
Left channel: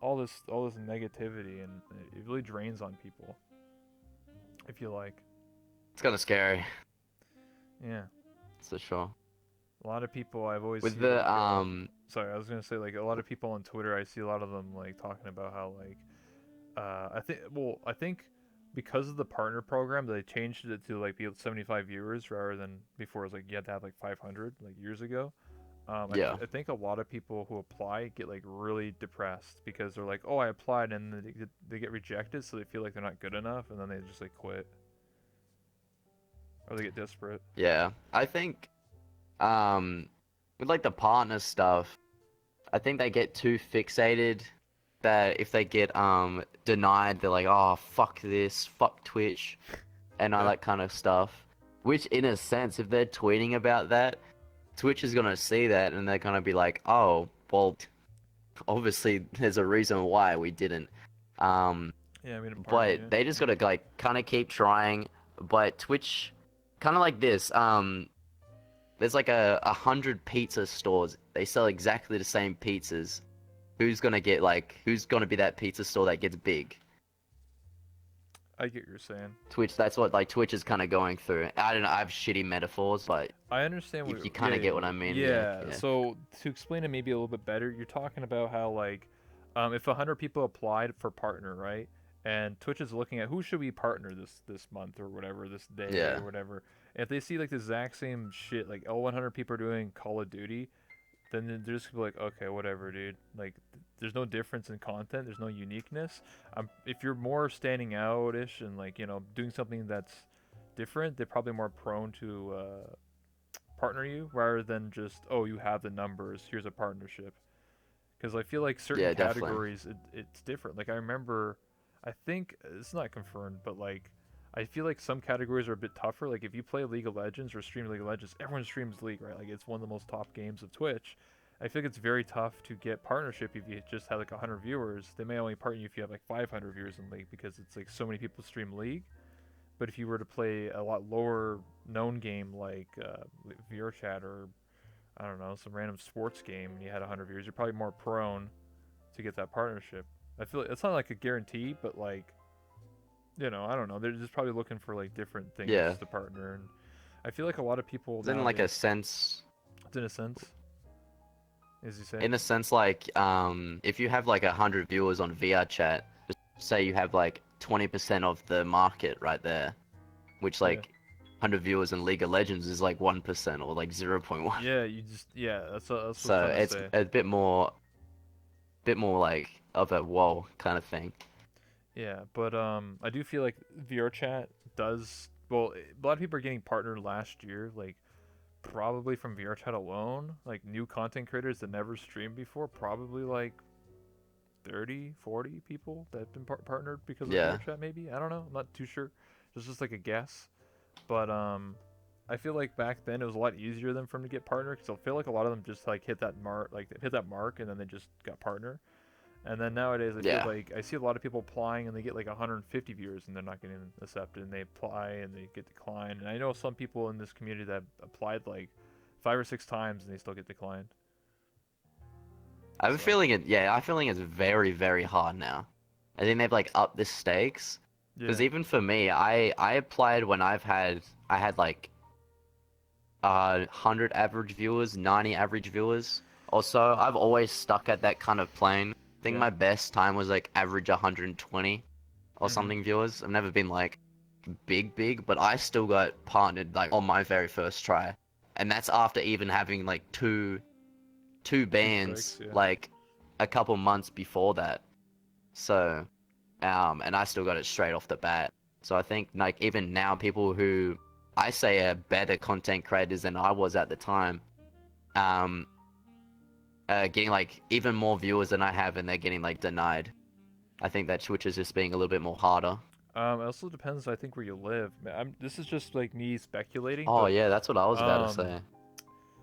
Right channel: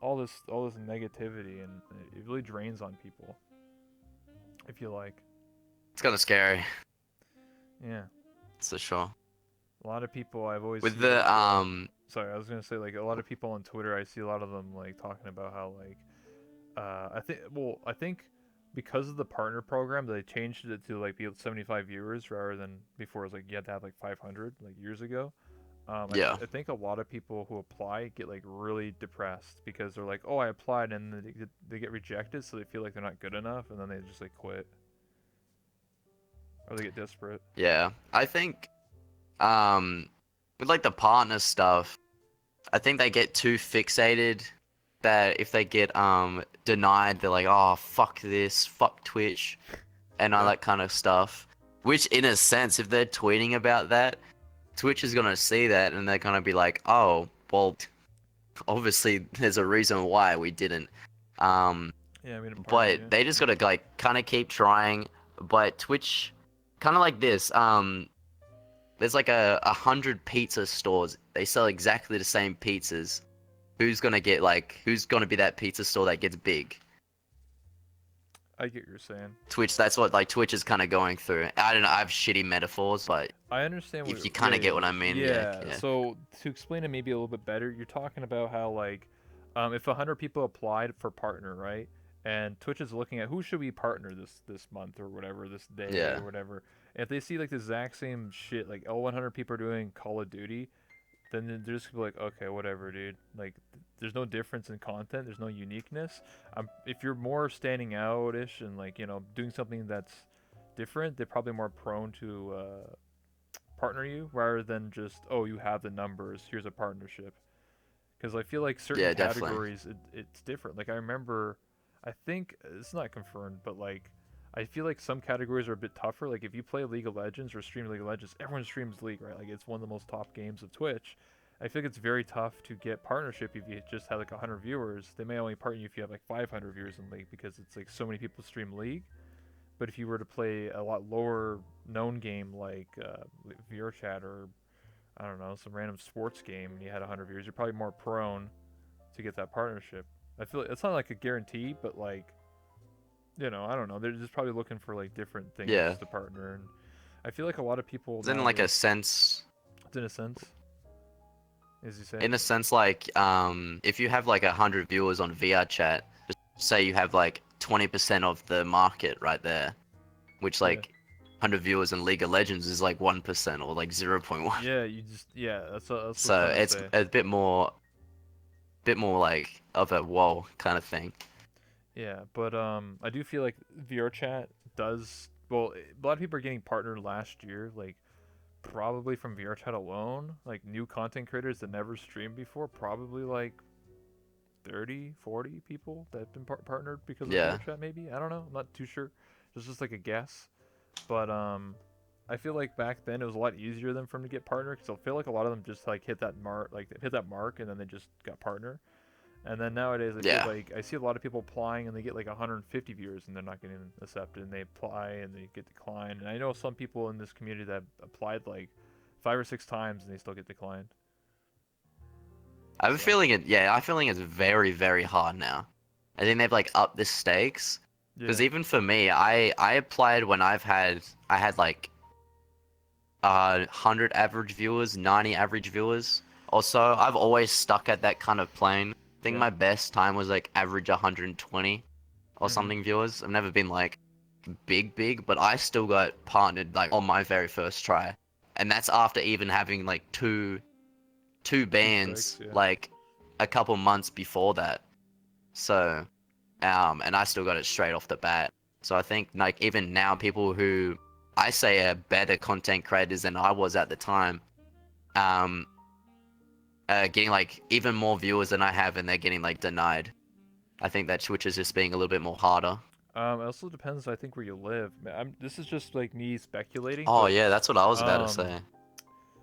all this negativity, and it really drains on people. If you like, It's kind of scary. yeah, That's for sure. a lot of people I've always With see the like, sorry, I was gonna say like a lot of people on Twitter, I see a lot of them like talking about how like I think because of the partner program, they changed it to like be 75 viewers rather than before it was like you had to have like 500 like years ago. Yeah, I think a lot of people who apply get like really depressed because they're like, oh, I applied, and then they get rejected, so they feel like they're not good enough, and then they just like quit or they get desperate. yeah. I think um with like the partner stuff, I think they get too fixated that if they get denied, they're like, oh fuck this, fuck Twitch, and all Yeah, that kind of stuff. Which in a sense, if they're tweeting about that, Twitch is gonna see that and they're gonna be like, oh, well, obviously there's a reason why we didn't. Um, yeah, I mean a partner, but yeah, they just yeah. gotta like kind of keep trying. But Twitch, kind of like this. There's like 100 pizza stores. They sell exactly the same pizzas. Who's gonna be that pizza store that gets big? I get what you're saying. Twitch. That's what like Twitch is kind of going through. I don't know. I have shitty metaphors, but I understand what. if you Yeah, kind of yeah, get what I mean, yeah, yeah. yeah, So to explain it maybe a little bit better, you're talking about how like, if 100 people applied for partner, right? And Twitch is looking at who should we partner this month or whatever, this day yeah, or whatever. And if they see like the exact same shit, like oh 100 people are doing Call of Duty, then they're just gonna be like, okay, whatever, dude. Like, there's no difference in content. There's no uniqueness. If you're more standing out-ish and like doing something that's different, they're probably more prone to partner you rather than just, oh, you have the numbers, here's a partnership. Because I feel like certain yeah, definitely. categories it's different. Like I remember, I think it's not confirmed, but like I feel like some categories are a bit tougher. Like if you play League of Legends or stream League of Legends, everyone streams League, right? Like it's one of the most top games of Twitch. I feel like it's very tough to get partnership if you just have like 100 viewers. They may only partner you if you have like 500 viewers in League because it's like so many people stream League. But if you were to play a lot lower known game like VRChat or I don't know some random sports game and you had 100 viewers, you're probably more prone to get that partnership. I feel like it's not like a guarantee, but like I don't know. They're just probably looking for like different Yeah. things to partner, and I feel like a lot of people It's in like a nowadays, sense, in a sense, as you say, like if you have like 100 viewers on VR chat, just say you have like 20% of the market right there, which yeah, like 100 viewers in League of Legends is like 1% or like 0.1. yeah. You just that's what I'm So trying to it's say. a bit more like of a whoa kind of thing. Yeah, but I do feel like VR chat does well. A lot of people are getting partnered last year, like probably from VR chat alone, like new content creators that never streamed before, probably like 30, 40 people that have been partnered because of Yeah. VRChat. Maybe I don't know. I'm not too sure. It's just like a guess. But I feel like back then it was a lot easier than for them to get partner because I feel like a lot of them just like hit that mark, and then they just got partner. And then nowadays I feel Yeah. like I see a lot of people applying and they get like 150 viewers and they're not getting accepted, and they apply and they get declined. And I know some people in this community that applied like 5 or 6 times and they still get declined. I have a So feeling I feeling it's very, very hard now. I think they've like upped the stakes. yeah, Because even for me, I applied when I had like 100 average viewers, 90 average viewers or so. I've always stuck at that kind of plane. I think yeah, my best time was like average 120 or mhm, something viewers. I've never been like big, but I still got partnered like on my very first try. And that's after even having like two two strikes, bands yeah. like a couple months before that. So, and I still got it straight off the bat. So I think like even now, people who I say are better content creators than I was at the time, um, getting like even more viewers than I have, and they're getting like denied. I think that Twitch is just being a little bit more harder. It also depends, I think, where you live. This is just like me speculating, Oh but yeah, that's what I was about to um, say.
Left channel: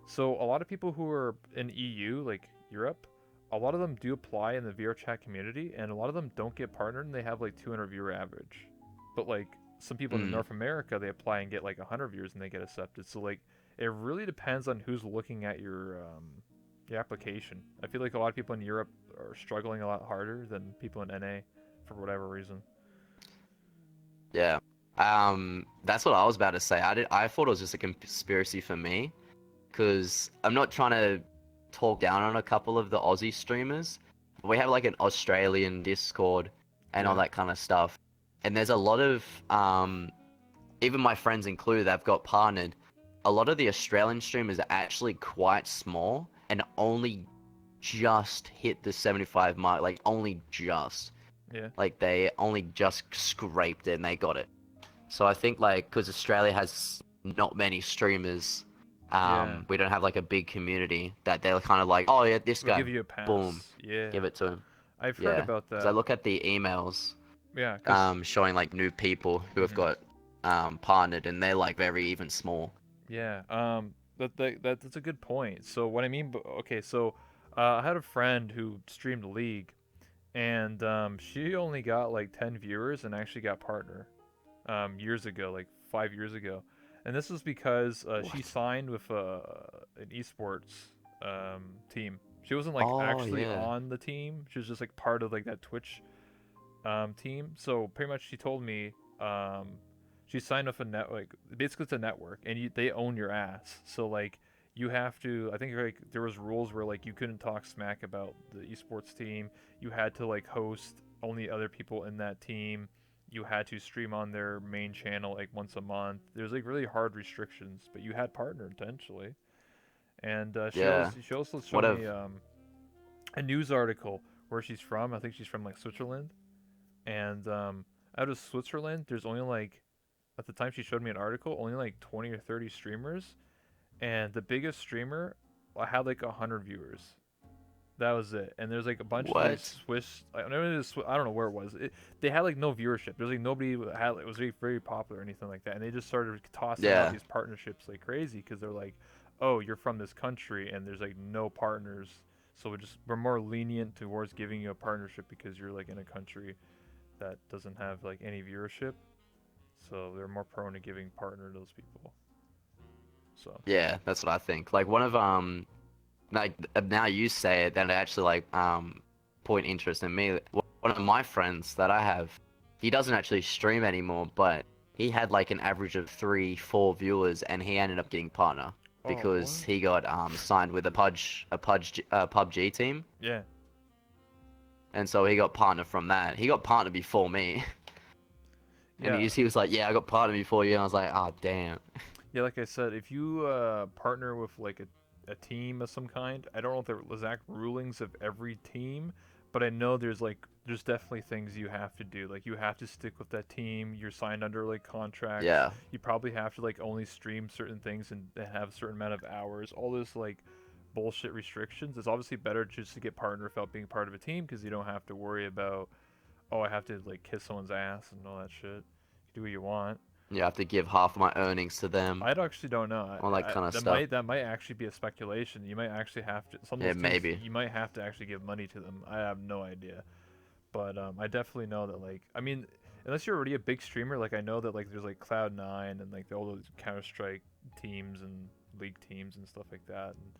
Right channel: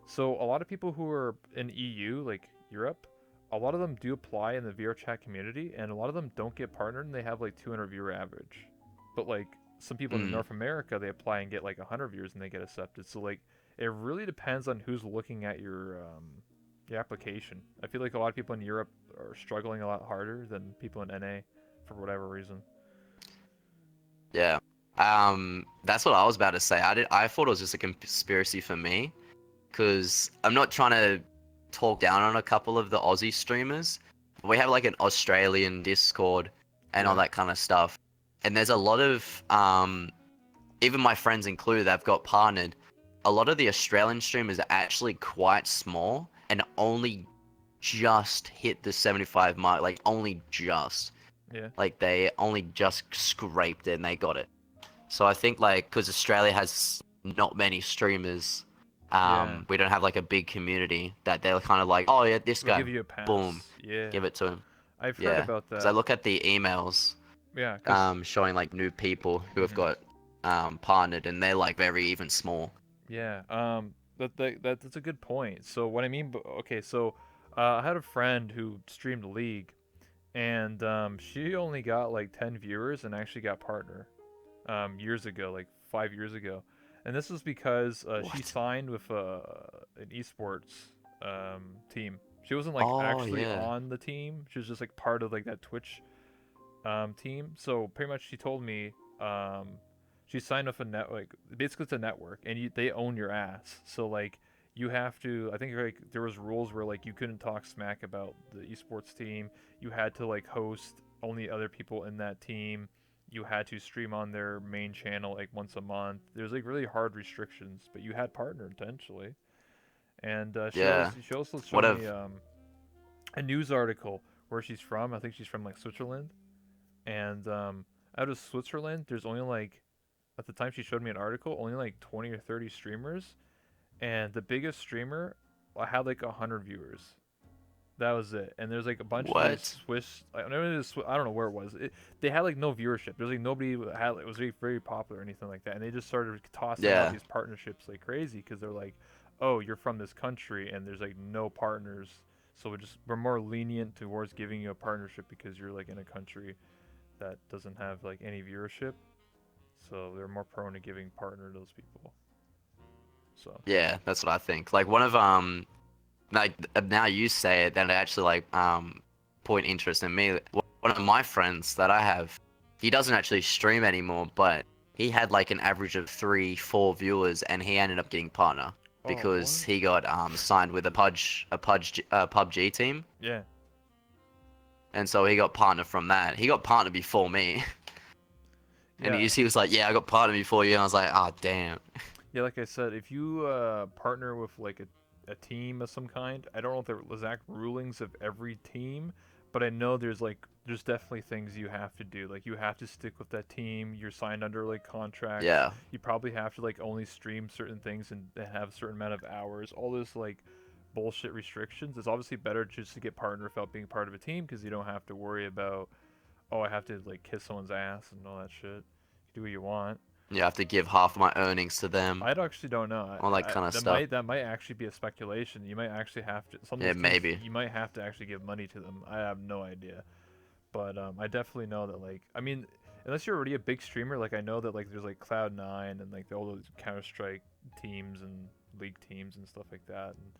so a lot of people who are in EU, like Europe, a lot of them do apply in the VR chat community, and a lot of them don't get partnered, and they have like 200 viewer average. But like some people in Mm, North America, they apply and get like 100 viewers, and they get accepted. So like it really depends on who's looking at your application. I feel like a lot of people in Europe are struggling a lot harder than people in NA for whatever reason. yeah. That's what I was about to say. I thought it was just a conspiracy for me, because I'm not trying to talk down on a couple of the Aussie streamers. We have like an Australian Discord and all Yeah, that kind of stuff. And there's a lot of even my friends included, they've got partnered. A lot of the Australian streamers are actually quite small and only just hit the 75 mark, like only just. yeah, Like they only just scraped it and they got it. So I think like because Australia has not many streamers, yeah. we don't have like a big community that they're kind of like, oh yeah, this We'll guy, give you a boom, pass. Yeah, give it to him. I've heard Yeah, about because I that. look at the emails, Yeah, cause showing like new people who have mhm. got partnered and they're like very even small. Yeah, that's a good point. So what I mean, okay, so I had a friend who streamed League, and she only got like 10 viewers and actually got partner years ago, like 5 years ago, and this was because she What? signed with an esports team. She wasn't like Oh actually yeah. on the team. She was just like part of like that Twitch team. So pretty much, she told me she signed up a net like basically it's a network, and they own your ass. So like you have to. I think like there was rules where like you couldn't talk smack about the esports team. You had to like host only other people in that team. You had to stream on their main channel like once a month. There's like really hard restrictions, but you had partner potentially. And Yeah. she also What showed a me a news article where she's from. I think she's from like Switzerland, and out of Switzerland, there's only like at the time she showed me an article, only like 20 or 30 streamers, and the biggest streamer had like 100 viewers. That was it. And there's like a bunch of these what? Swiss. I don't know where it was. They had like no viewership. There's like nobody who had. It was very very popular or anything like that. And they just started tossing out Yeah. these partnerships like crazy because they're like, oh, you're from this country, and there's like no partners, so we're more lenient towards giving you a partnership because you're like in a country that doesn't have like any viewership, so they're more prone to giving partner to those people. So Yeah, that's what I think. Like one of like now you say it, then it actually like point interest in me. One of my friends that I have, he doesn't actually stream anymore, but he had like an average of 3, 4 viewers, and he ended up getting partner oh because what? he got signed with a PUBG team, Yeah, and so he got partner from that. He got partner before me, and yeah, he was like, "Yeah, I got partner before you," and I was like, "Oh damn." yeah. Like I said, if you partner with like a team of some kind, I don't know if the exact rulings of every team, but I know there's definitely things you have to do. Like you have to stick with that team. You're signed under like contracts. Yeah, You probably have to like only stream certain things and have a certain amount of hours. All this like bullshit restrictions. It's obviously better just to get partner without being part of a team because you don't have to worry about, oh, I have to like kiss someone's ass and all that shit. You do what you want. you have to give half of my earnings to them, I actually don't know. all that kind of stuff. That might actually be a speculation. You might actually have to. Some of Yeah, those teams maybe. you might have to actually give money to them. I have no idea, but I definitely know that like I mean, unless you're already a big streamer, like I know that like there's like Cloud9 and like all those Counter Strike teams and League teams and stuff like that. And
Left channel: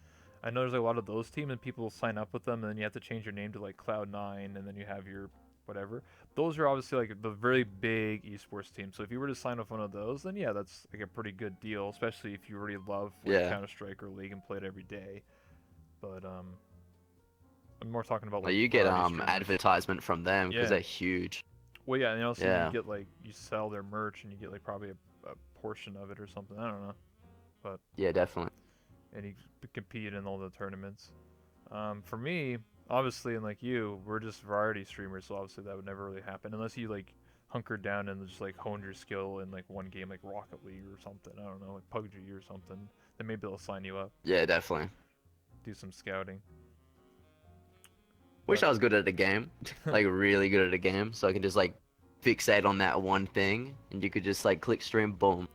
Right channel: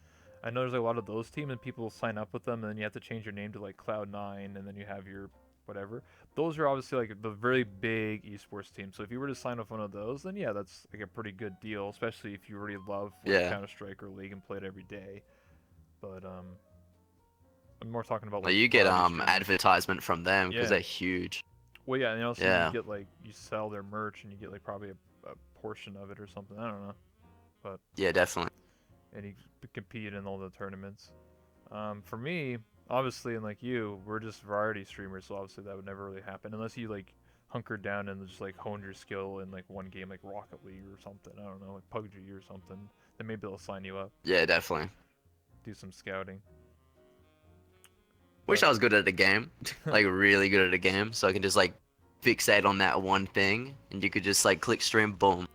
I know there's like, a lot of those teams and people sign up with them, and then you have to change your name to like Cloud9, and then you have your whatever. Those are obviously like the very big esports teams. So if you were to sign up one of those, then yeah, that's like a pretty good deal, especially if you already love like Yeah. Counter Strike or League and play it every day. But I'm more talking about Well, like you get variety streamers. advertisement from them because Yeah. they're huge. Well, yeah, and also you Yeah. get like you sell their merch and you get like probably a portion of it or something. I don't know, but Yeah, definitely. and you compete in all the tournaments. For me, obviously, and like you, we're just variety streamers, so obviously that would never really happen unless you like hunkered down and just like honed your skill in like one game, like Rocket League or something. I don't know, like PUBG or something. Then maybe they'll sign you up, Yeah, definitely. do some scouting. Wish But I was good at the game, like really good at the game, so I can just like fixate on that one thing, and you could just like click stream, boom,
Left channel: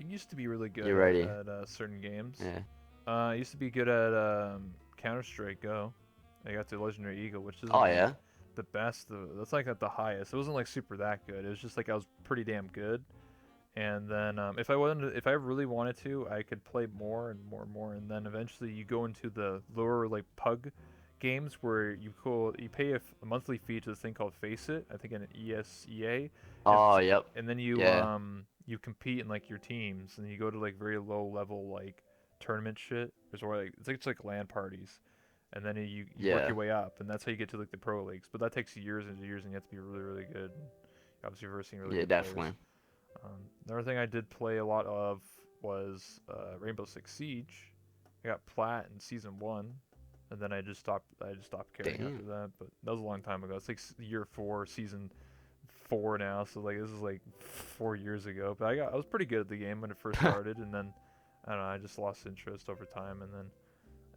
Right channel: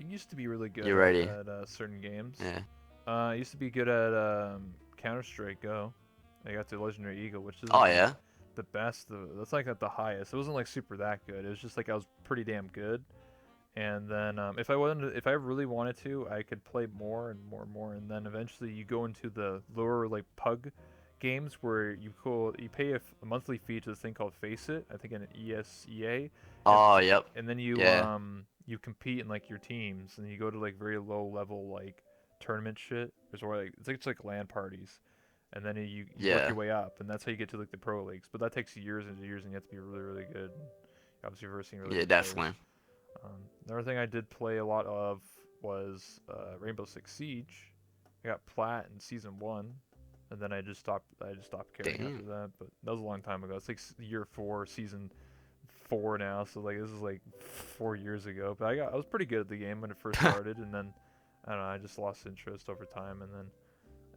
I used to be really good you're ready. at certain games. Yeah. I used to be good at Counter Strike Go. I got to Legendary Eagle, which Oh isn't like yeah. the best. That's like at the highest. It wasn't like super that good. It was just like I was pretty damn good. And then if I really wanted to, I could play more and more and more. And then eventually you go into the lower like pug games where you pay a monthly fee to this thing called Face It. I think in an ESEA, Oh yep. and then Yeah. you compete in like your teams, and you go to like very low level like tournament shit. There's where like it's like LAN parties, and then you work Yeah. your way up, and that's how you get to like the pro leagues. But that takes years and years, and you have to be really really good. Obviously, versing really Yeah, good players. definitely. Another thing I did play a lot of was Rainbow Six Siege. I got plat in season 1, and then I just stopped caring after Damn. that. But that was a long time ago. It's like year 4, season 4 now. So like this is like 4 years ago. But I was pretty good at the game when it first started, and then I don't know. I just lost interest over time, and then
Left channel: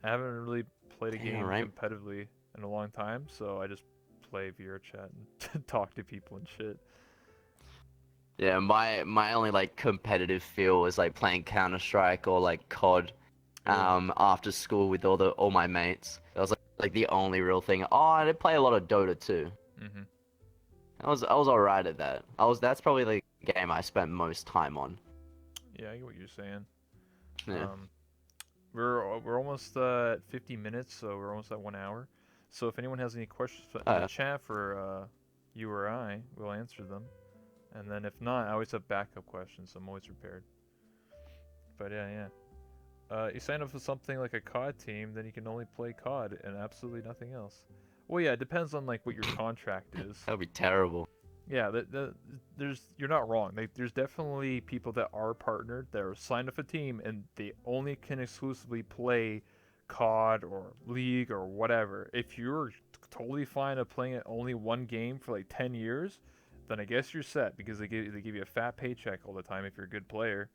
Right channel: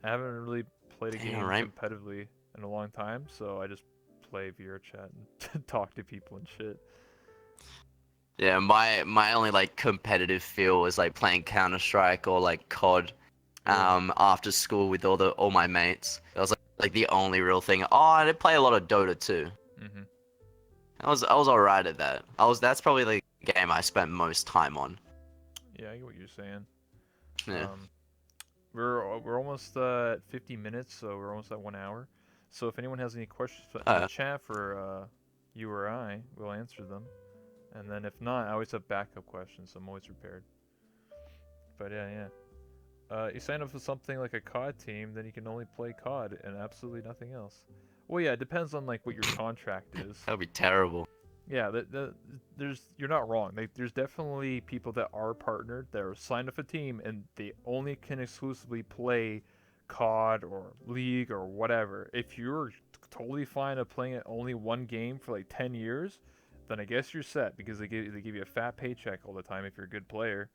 I haven't really played a Damn, game right? competitively in a long time. So I just play VR chat and talk to people and shit. Yeah, my only like competitive feel was like playing Counter Strike or like COD Yeah. after school with all my mates. That was like the only real thing. Oh, I did play a lot of Dota too. Mhm. I was alright at that. That's probably the game I spent most time on. Yeah, I get what you're saying. Yeah. Um, we're almost at 50 minutes, so we're almost at 1 hour. So if anyone has any questions in the Uh, chat for you or I, we'll answer them. And then if not, I always have backup questions, so I'm always prepared. But yeah, yeah. You sign up for something like a COD team, then you can only play COD and absolutely nothing else. Well, yeah, it depends on like what your contract is. that would be terrible. Yeah, you're not wrong. There's definitely people that are partnered that are signed up a team and they only can exclusively play COD or League or whatever. If you're totally fine of playing it only one game for like 10 years, then I guess you're set because they give you a fat paycheck all the time if you're a good player,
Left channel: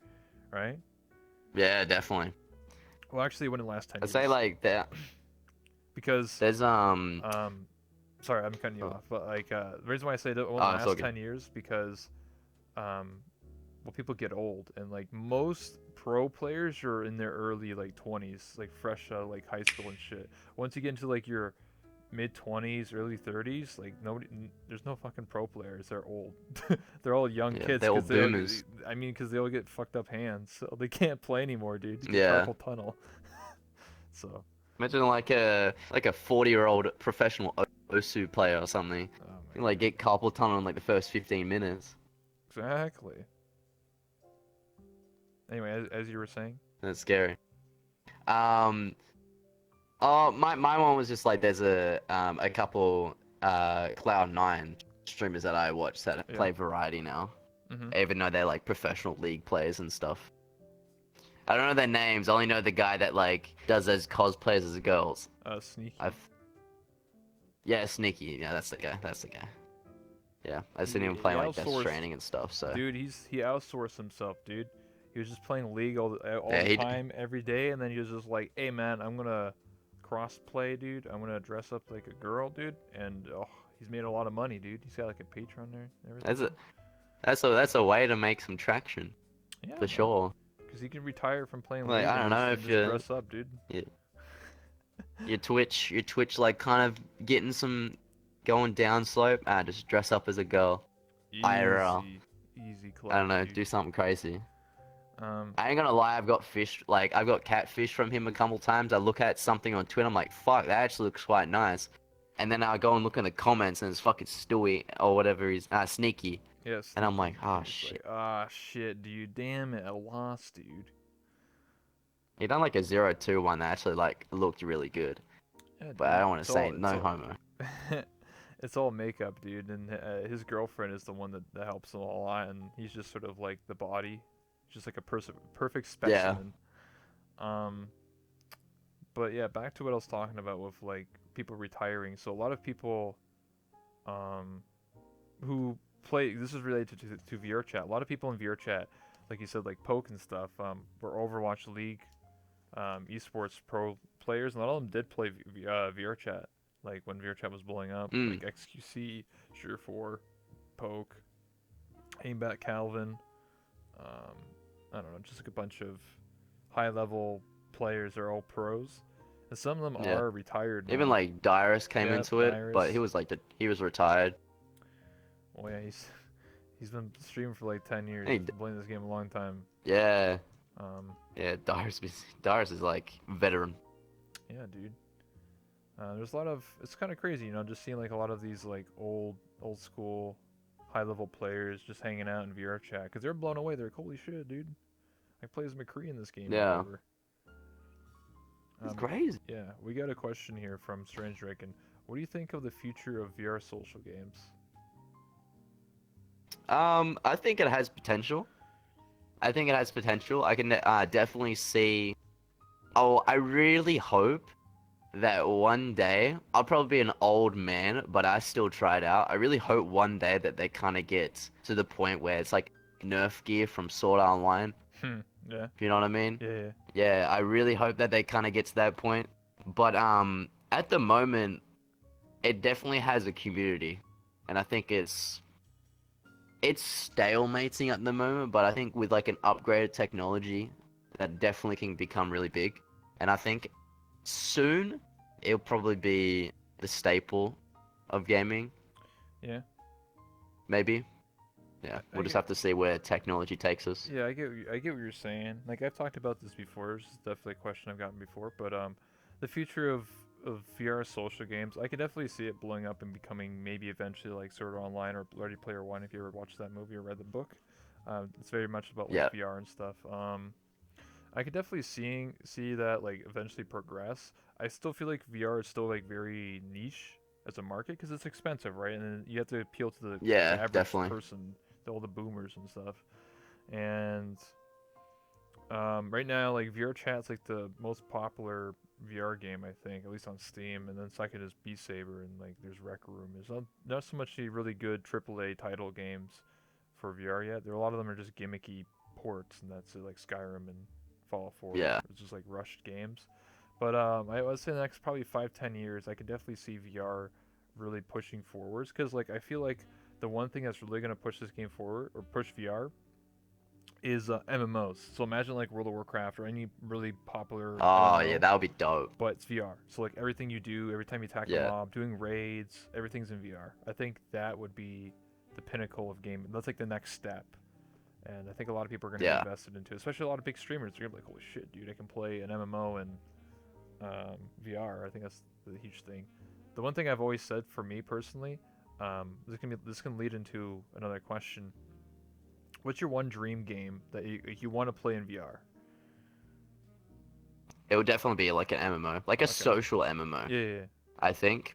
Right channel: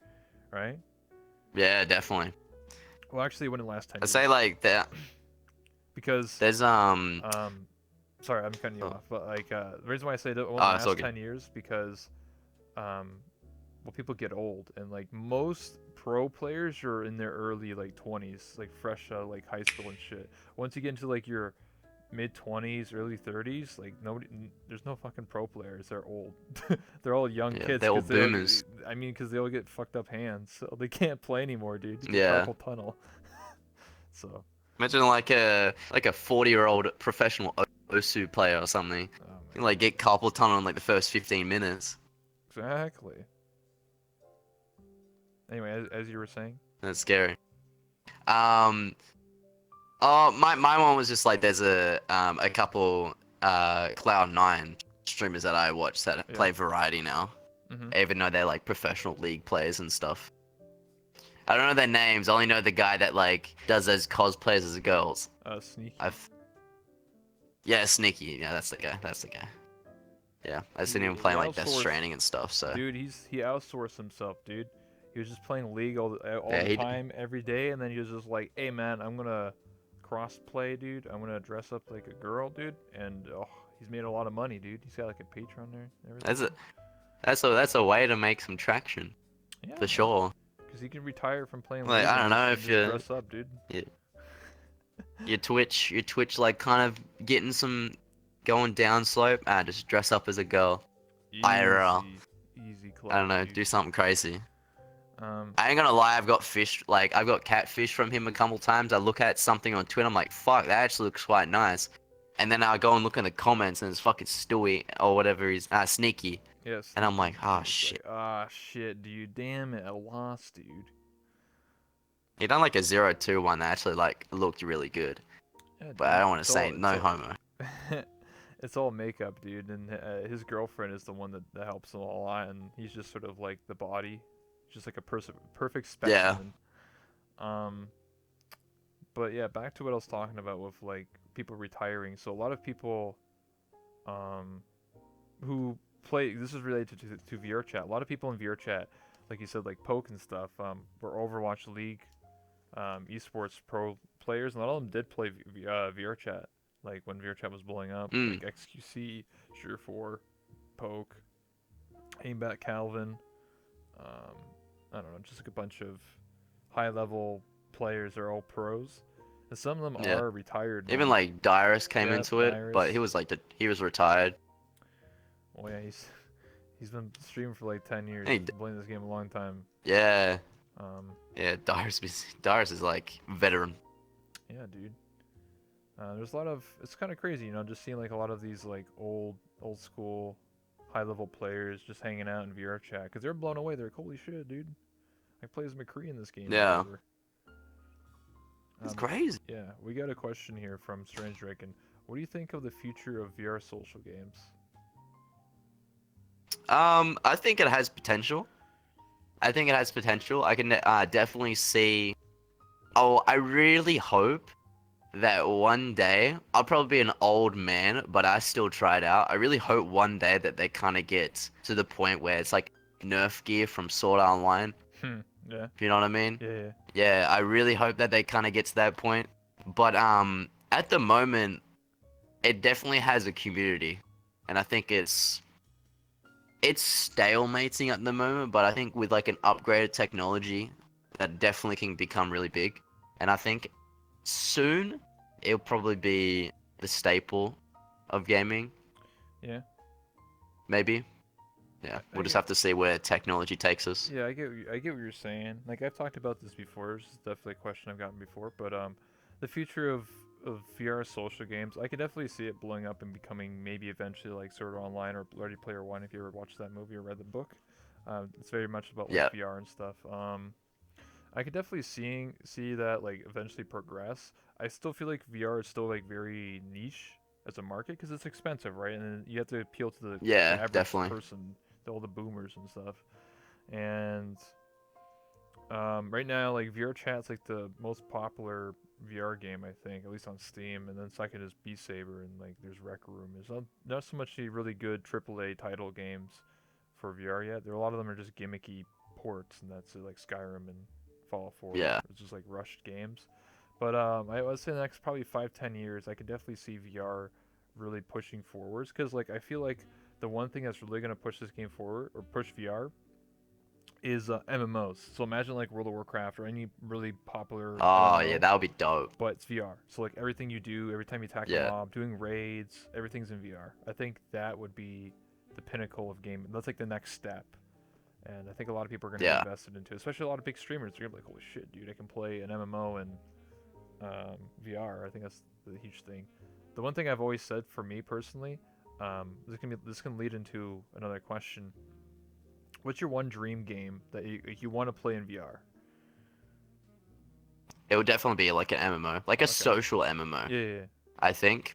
right? Yeah, definitely. Well, actually, it wouldn't last 10 I'd say years like that. because There's um, sorry, I'm cutting you Oh, off, but like the reason why I say that it won't oh, it's all last good. 10 years because um well, people get old, and like most pro players are in their early like 20s, like fresh out of, like high school and shit. Once you get into like your mid 20s, early 30s, like there's no fucking pro players. They're old. They're all young Yeah, kids they're all because boomers. because they all get fucked up hands, so they can't play anymore, dude. You get Yeah. carpal tunnel. So, Imagine like a 40-year-old professional Osu player or something. You oh my can like god, get carpal tunnel in like the first 15 minutes. exactly. Anyway, as you were saying, That's scary. Um, oh, my one was just like there's a couple Cloud9 streamers that I watch that yeah. play variety now, Mm-hmm. even though they're like professional league players and stuff. I don't know their names. I only know the guy that like does those cosplays as girls. Sneaky. I've yeah, Sneaky. Yeah, that's the guy. That's the guy. Yeah, I've seen him He playing like Death outsourced, Stranding and stuff. So dude. He outsourced himself, dude. He was just playing League all yeah, the he time, every day, and then he was just like, "Hey man, I'm gonna cross play, dude. I'm gonna dress up like a girl, dude." And oh, he's made a lot of money, dude. He's got like a Patreon there and that's everything. a that's a way to make some traction Yeah, for man. sure. Because he can retire from playing Like League I don't know and if just dress up, dude. you your Twitch like kind of getting some going down slope. Ah, just dress up as a girl. IRL. Easy, easy I don't clout, know, dude. do something crazy. Um, I ain't gonna lie, I've got catfish from him a couple times. I look at something on Twitter, I'm like, fuck, that actually looks quite nice. And then I go and look in the comments and it's fucking Stewie or whatever he's Sneaky. yeah, And I'm like, Sneaky. oh It's shit. like, ah, shit, dude. Damn it, I lost, dude. He done like a 0-2 one that actually like looked really good. Yeah, But I dude. don't want to say no homo. It's all makeup, dude, and his girlfriend is the one that helps him a lot, and he's just sort of like the body, just like a perfect Yeah. specimen. Um, but yeah, back to what I was talking about with like people retiring. So a lot of people, um, who play this is related to VR chat. A lot of people in VR chat, like you said, like Poke and stuff, were Overwatch League, esports pro players, and a lot of them did play VR chat. Like when VR chat was blowing up, Mm. like XQC, Sure4, Poke, Aimbat Calvin, um, I don't know, just like a bunch of high level players are all pros. And some of them Yeah. are retired Even now. like Dyrus came Yep, into it, but he Dyrus. was like he was retired. Oh yeah, he's been streaming for like 10 years. He He's been playing this game a long time. Yeah. Um, Yeah, Dyrus is like veteran. yeah, dude. There's a lot of it's kind of crazy, just seeing like a lot of these like old school, high level players just hanging out in VR chat because they're blown away. They're like, holy shit, dude! I play as McCree in this game or Yeah. whatever. It's crazy. Yeah, we got a question here from Strange Draken. What do you think of the future of VR social games? I think it has potential. I think it has potential. I can definitely see. Oh, I really hope that one day I'll probably be an old man, but I still try it out. I really hope one day that they kind of get to the point where it's like Nerf gear from Sword Art Online. Yeah, Do you know what I mean? yeah. Yeah, I really hope that they kind of get to that point. But at the moment, it definitely has a community, and I think it's stalemating at the moment. But I think with like an upgraded technology, that definitely can become really big. And I think soon it'll probably be the staple of gaming. Yeah. Maybe. Yeah, I we'll just get. have to see where technology takes us. Yeah, I get what you're saying. Like I've talked about this before. This is definitely a question I've gotten before. But the future of VR social games, I could definitely see it blowing up and becoming maybe eventually like Sword Art Online or Ready Player One. If you ever watched that movie or read the book, it's very much about like Yeah, VR and stuff. I could definitely see that like eventually progress. I still feel like VR is still like very niche as a market because it's expensive, right? And then you have to appeal to the yeah, average definitely. person, all the boomers and stuff. And right now, like VR Chat's like the most popular VR game, I think, at least on Steam. And then second is Beat Saber, and like there's Rec Room. There's not so much any really good AAA title games for VR yet. There a lot of them are just gimmicky ports, and that's it, like Skyrim and Fallout 4. Yeah, It's just like rushed games. But I would say the next probably 5-10 years, I could definitely see VR really pushing forwards because like I feel like the one thing that's really gonna push this game forward or push VR is MMOs. So imagine like World of Warcraft or any really popular Oh yeah, MMO, that would be dope. but it's VR. So like everything you do, every time you attack a Yeah. mob, doing raids, everything's in VR. I think that would be the pinnacle of gaming. That's like the next step. And I think a lot of people are going to be Yeah. invested into it, especially a lot of big streamers. They're going to be like, holy shit, dude, I can play an MMO in VR. I think that's the huge thing. The one thing I've always said for me personally, this can lead into another question. What's your one dream game that you want to play in VR? It would definitely be like an MMO, like a Okay. social MMO, Yeah, yeah, yeah. I think.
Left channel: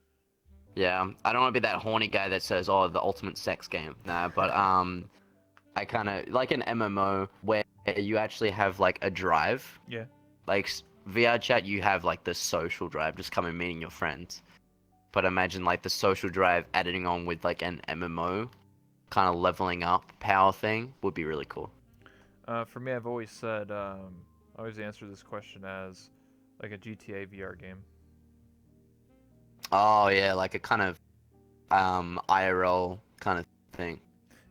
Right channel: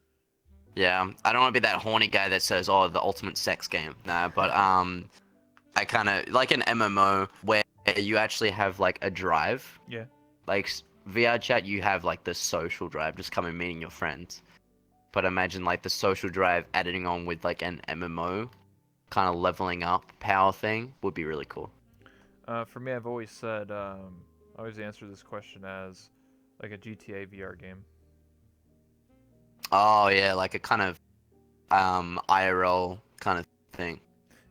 Yeah, I don't want to be that horny guy that says, "Oh, the ultimate sex game." Nah, but I kind of like an MMO where you actually have like a drive, Yeah. like VR chat. You have like the social drive, just come and meeting your friends. But imagine like the social drive adding on with like an MMO kind of leveling up power thing would be really cool. For me, I've always said, I always answer this question as like a GTA VR game. Oh yeah, like a kind of IRL kind of thing.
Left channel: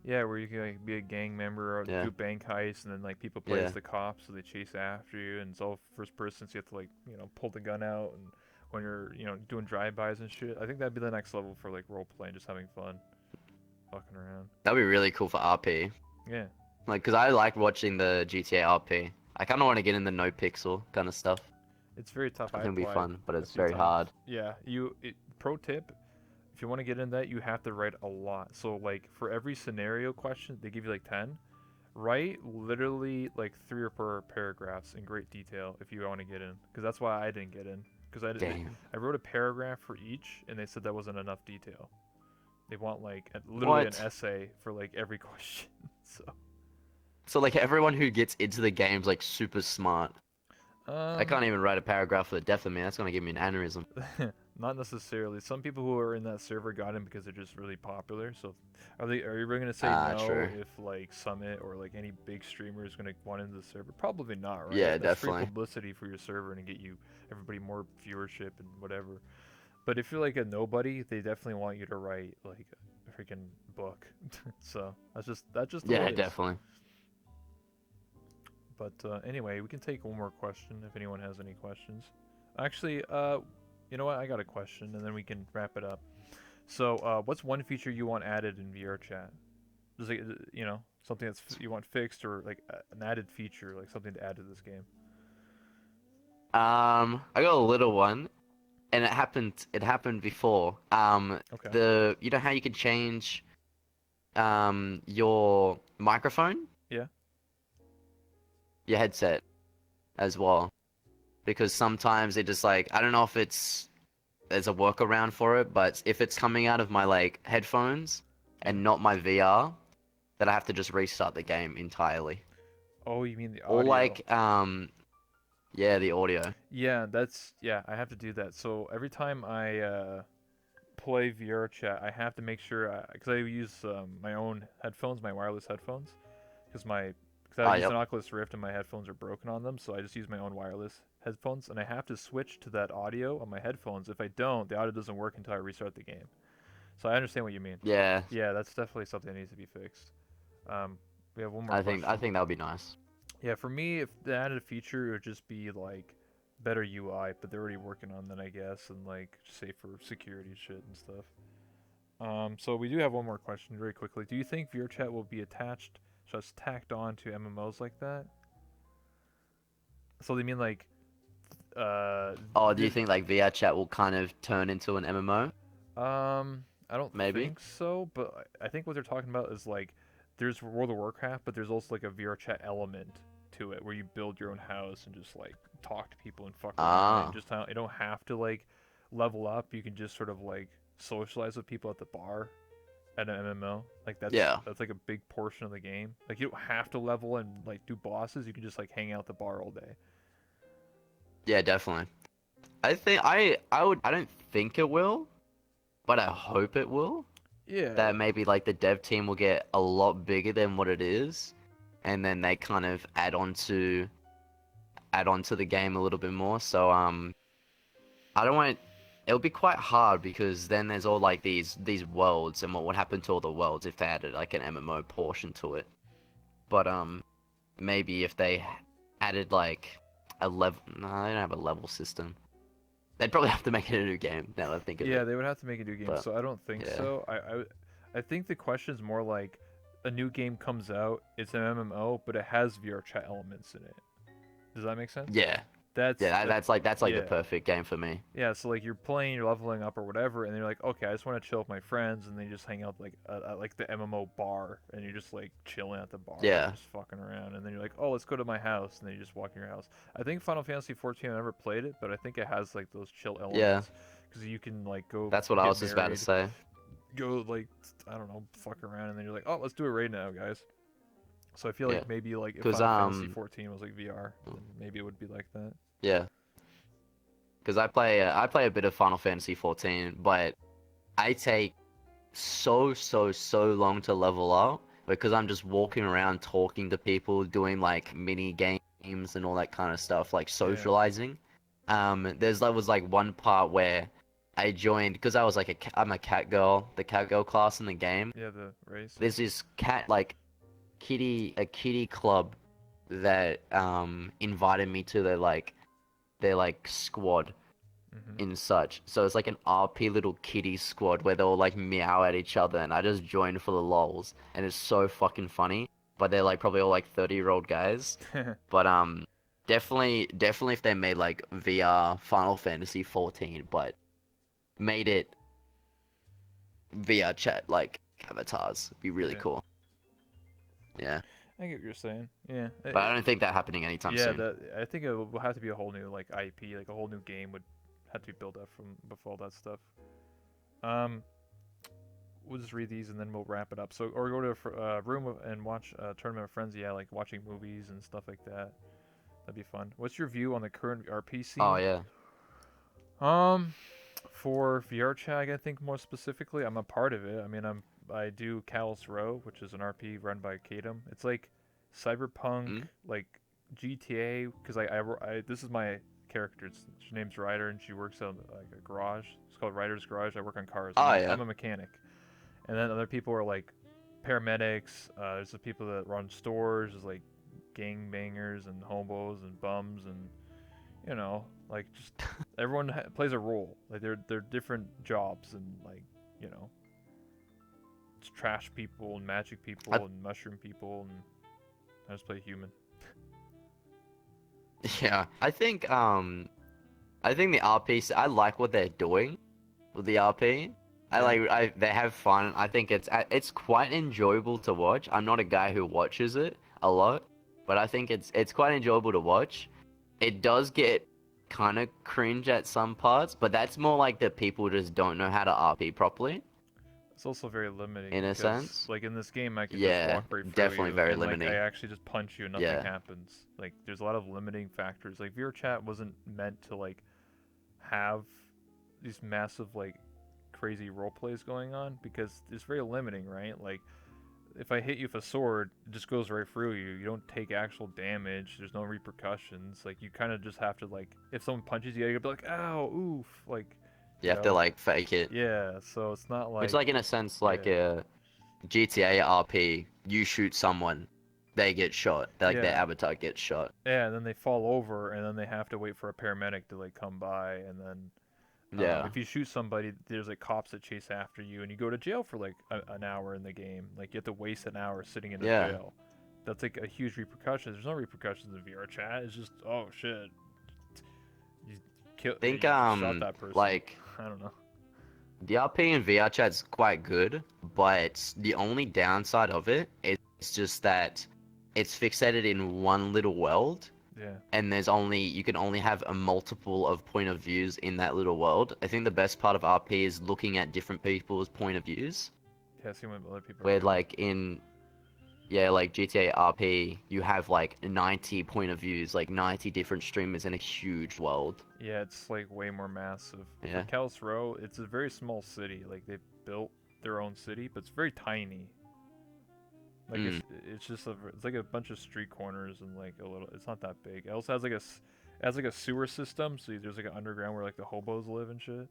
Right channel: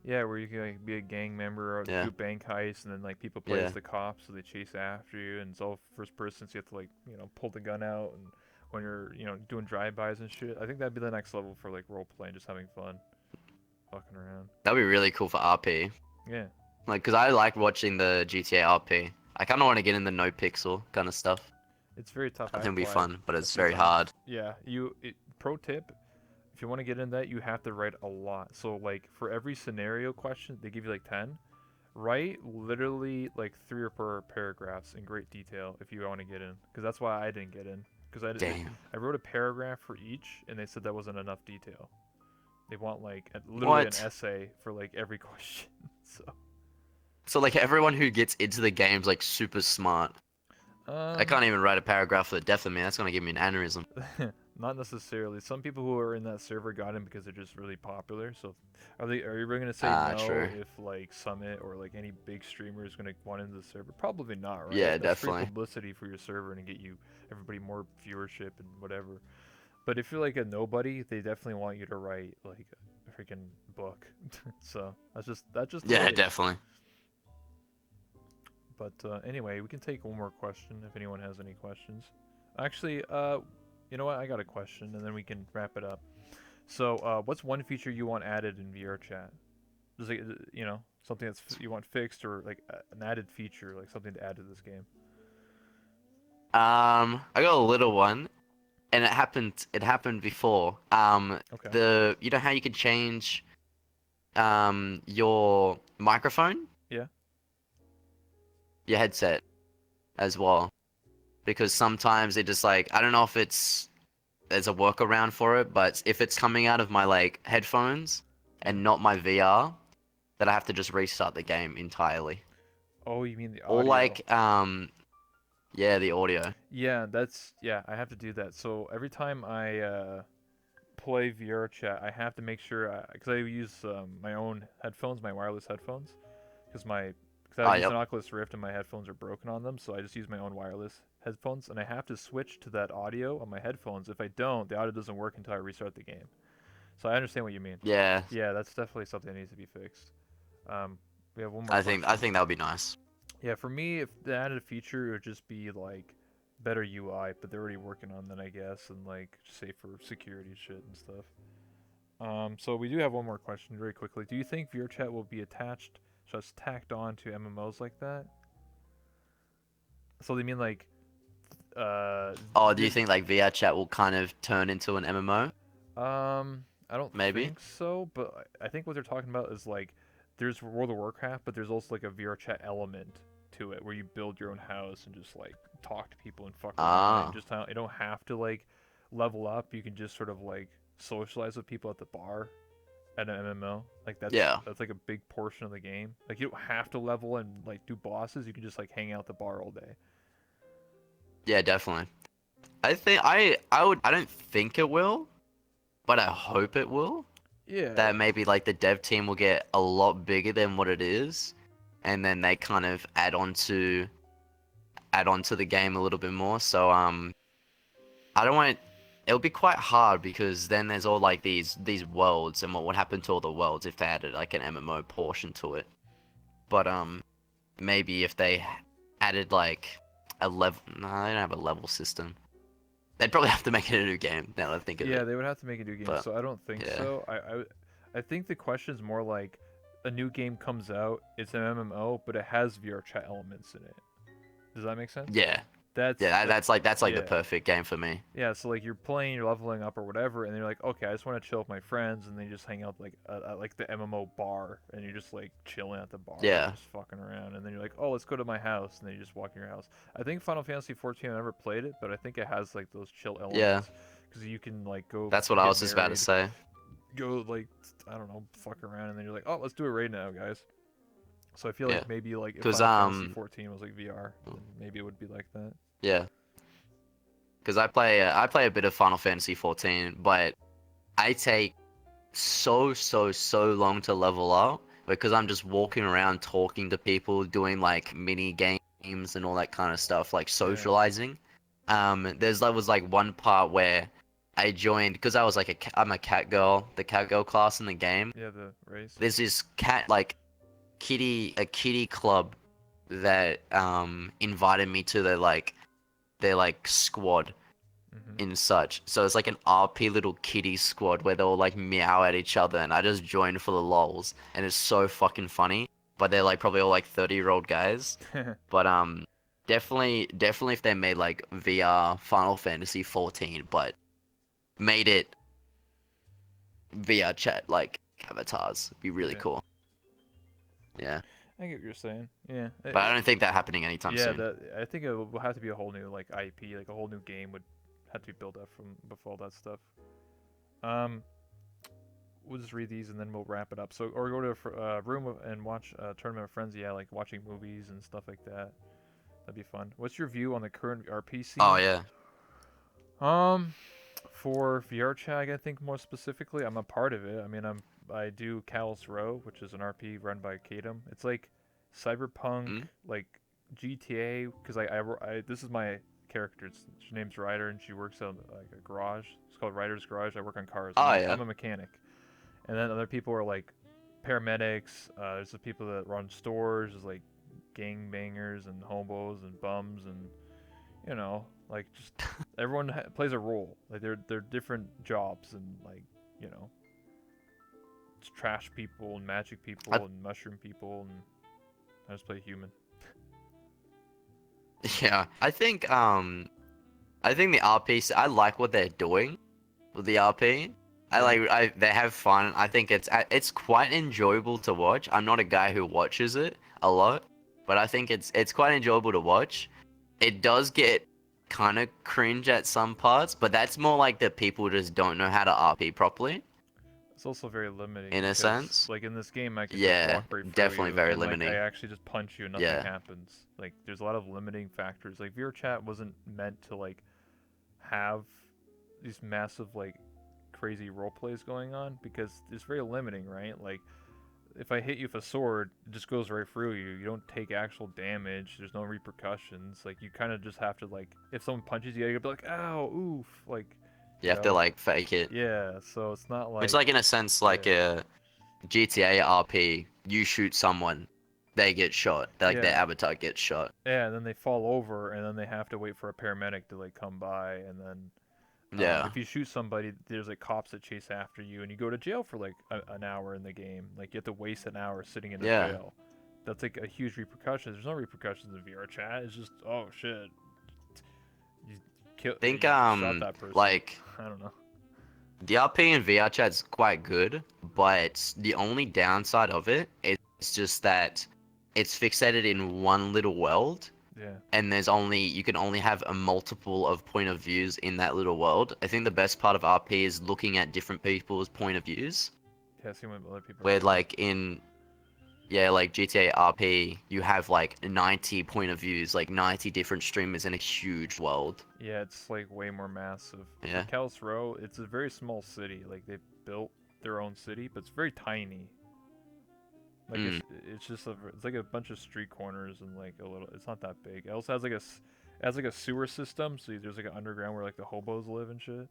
Yeah, where you can like, be a gang member or Yeah, do bank heists, and then like people play as yeah, the cops, so they chase after you, and it's all first person, so you have to like pull the gun out, and when you're doing drive-bys and shit. I think that'd be the next level for like role playing, just having fun, fucking around. that'd be really cool for RP. Yeah, Like, cause I like watching the GTA RP. I kind of want to get in the no pixel kind of stuff. it's very tough. I think I it'd be applied fun, but a it's few very times. hard. Yeah, pro tip: if you want to get in that, you have to write a lot. So like for every scenario question, they give you like 10. Write literally like 3 or 4 paragraphs in great detail if you want to get in, because that's why I didn't get in. Because Damn. I wrote a paragraph for each, and they said that wasn't enough detail. They want like literally an What? essay for like every question. So, So like everyone who gets into the game's like super smart. I um, can't even write a paragraph for the death of me. That's gonna give me an aneurysm. not necessarily. Some people who are in that server got in because they're just really popular. So, are you really gonna say Ah, no true. if like Summit or like any big streamer is gonna want into the server? Probably not, right? Yeah, That's free definitely. publicity for your server and get you everybody more viewership and whatever. But if you're like a nobody, they definitely want you to write like a freaking book. So that's just the way Yeah, it is. definitely. But anyway, we can take one more question if anyone has any questions. Actually, you know what? I got a question, and then we can wrap it up. So, what's one feature you want added in VR chat? Just like something you want fixed, or like an added feature, like something to add to this game. I got a little one, and it happened. It happened before. Okay. You know how you can change your microphone, Yeah. your headset as well, because sometimes it just like I don't know if there's a workaround for it, but if it's coming out of my like headphones Yeah. and not my VR, then I have to just restart the game entirely. Oh, you mean the Or audio? like yeah, the audio. Yeah, yeah. I have to do that. So every time I play VR chat, I have to make sure because I use my own headphones, my wireless headphones, because I Oh, use yep. an Oculus Rift and my headphones are broken on them, so I just use my own wireless headphones, and I have to switch to that audio on my headphones. If I don't, the audio doesn't work until I restart the game. So I understand what you mean. Yeah, Yeah, that's definitely something that needs to be fixed. Um, we have one more I question. think that would be nice. Yeah, for me, if the added feature it would just be like better UI, but they're already working on that, I guess, and like safer security shit and stuff. So we do have one more question very quickly. Do you think VRChat will be attached, just tacked on to MMOs like that? So they mean like, uh, Oh, do you th- think like VR chat will kind of turn into an MMO? I don't Maybe. think so, but I think what they're talking about is like, there's World of Warcraft, but there's also like a VRChat element to it where you build your own house and just like talk to people and fuck around and Ah, just how you don't have to like level up. You can just sort of like socialize with people at the bar at an MMO. Like yeah, that's like a big portion of the game. Like you don't have to level and like do bosses. You can just like hang out at the bar all day. yeah, definitely. I don't think it will, but I hope it will. Yeah. That maybe like the dev team will get a lot bigger than what it is, and then they kind of add on to the game a little bit more. So I don't want it'll be quite hard because then there's all like these worlds and what would happen to all the worlds if they added like an MMO portion to it. But maybe if they added like a level. No, they don't have a level system. They'd probably have to make it a new game. Now that I think of Yeah, it. they would have to make a new game, But so I don't think yeah, so. I think the question's more like a new game comes out, it's an MMO, but it has VR chat elements in it. Does that make sense? yeah, That's yeah. that. That's like the Yeah. perfect game for me. Yeah, so like you're playing, you're leveling up or whatever, and you're like, okay, I just want to chill with my friends, and then you just hang out like at like the MMO bar, and you're just like chilling at the bar, Yeah, just fucking around, and then you're like, oh, let's go to my house, and then you just walk in your house. I think Final Fantasy 14, I never played it, but I think it has like those chill yeah. elements, because you can like go That's what I get was just about to married, say. go like I don't know, fuck around, and then you're like, oh, let's do it right now, guys. So I feel Yeah, like maybe like if cause Final Fantasy 14 was like VR, oh, then maybe it would be like that. yeah, cause I play a bit of Final Fantasy 14, but I take so long to level up because I'm just walking around talking to people, doing like mini games and all that kind of stuff, like Yeah, socializing. There was like one part where I joined because I was like I'm a cat girl, the cat girl class in the game. yeah, the race. There's this cat like a kitty club that invited me to their like squad Mhm. and such. So it's like an RP little kitty squad where they all like meow at each other, and I just joined for the lols, and it's so fucking funny. But they're like probably all like 30-year-old guys. But definitely if they made like VR Final Fantasy 14, but made it VR chat like avatars, it'd be really Yeah. cool. Yeah, I get what you're saying. Yeah. but I don't think that happening anytime Yeah, soon. that I think it will have to be a whole new like IP, like a whole new game would have to be built up from before all that stuff. Um, we'll just read these and then we'll wrap it up. So, or go to a room and watch a tournament of friends. Yeah, like watching movies and stuff like that. That'd be fun. What's your view on the current RP Oh scene? yeah. Um, for VR chat, I think more specifically, I'm a part of it. I mean, I do Callus Row, which is an RP run by Kadam. It's like cyberpunk, Mm? like GTA, because this is my character. Her name's Ryder, and she works at like a garage. It's called Ryder's Garage. I work on cars. Oh I'm yeah. a mechanic, and then other people are like paramedics. There's the people that run stores. There's like gangbangers and hobos and bums and like just everyone plays a role. Like they're different jobs and like you know, it's trash people and magic I, people and mushroom people and I just play human. yeah. I think the RP. I like what they're doing with the RP. Yeah, They have fun. I think it's quite enjoyable to watch. I'm not a guy who watches it a lot, but I think it's quite enjoyable to watch. It does get kind of cringe at some parts, but that's more like the people just don't know how to RP properly, it's also very limiting in a because sense. like in this game I can just Yeah, walk right through definitely you very and like I limiting. actually just punch you and nothing Yeah, happens. Like there's a lot of limiting factors. Like VR chat wasn't meant to like have these massive like crazy role plays going on because it's very limiting, right? Like if I hit you with a sword, it just goes right through you. You don't take actual damage. There's no repercussions. Like you kind of just have to like if someone punches you, you gotta be like, "Ow, oof!" Like, you you have to know, like fake it. yeah. So it's not It's like like in a sense like yeah, a GTA RP. You shoot someone, they get shot. Like their yeah, avatar gets shot. yeah. And then they fall over, and then they have to wait for a paramedic to like come by, and then Yeah, if you shoot somebody, there's like cops that chase after you, and you go to jail for like an hour in the game. Like you have to waste an hour sitting in a yeah. jail. That's like a huge repercussion. There's no repercussions in VR chat. It's just oh shit, I think you just shot that person. like I don't know. the RP in VR chat's quite good, but the only downside of it is just that it's fixated in one little world, Yeah, and you can only have a multiple of point of views in that little world. I think the best part of RP is looking at different people's point of views. yeah. See what other people are Where doing. like in yeah, like GTA RP, you have like 90 point of views, like 90 different streamers in a huge world. Yeah, it's like way more massive. For Yeah. Kalis Row, it's a very small city. Like they built their own city, but it's very tiny. Like Mm. it's just it's like a bunch of street corners and like a little. It's not that big. It also has like it has like a sewer system. So there's like an underground where like the hobos live and shit.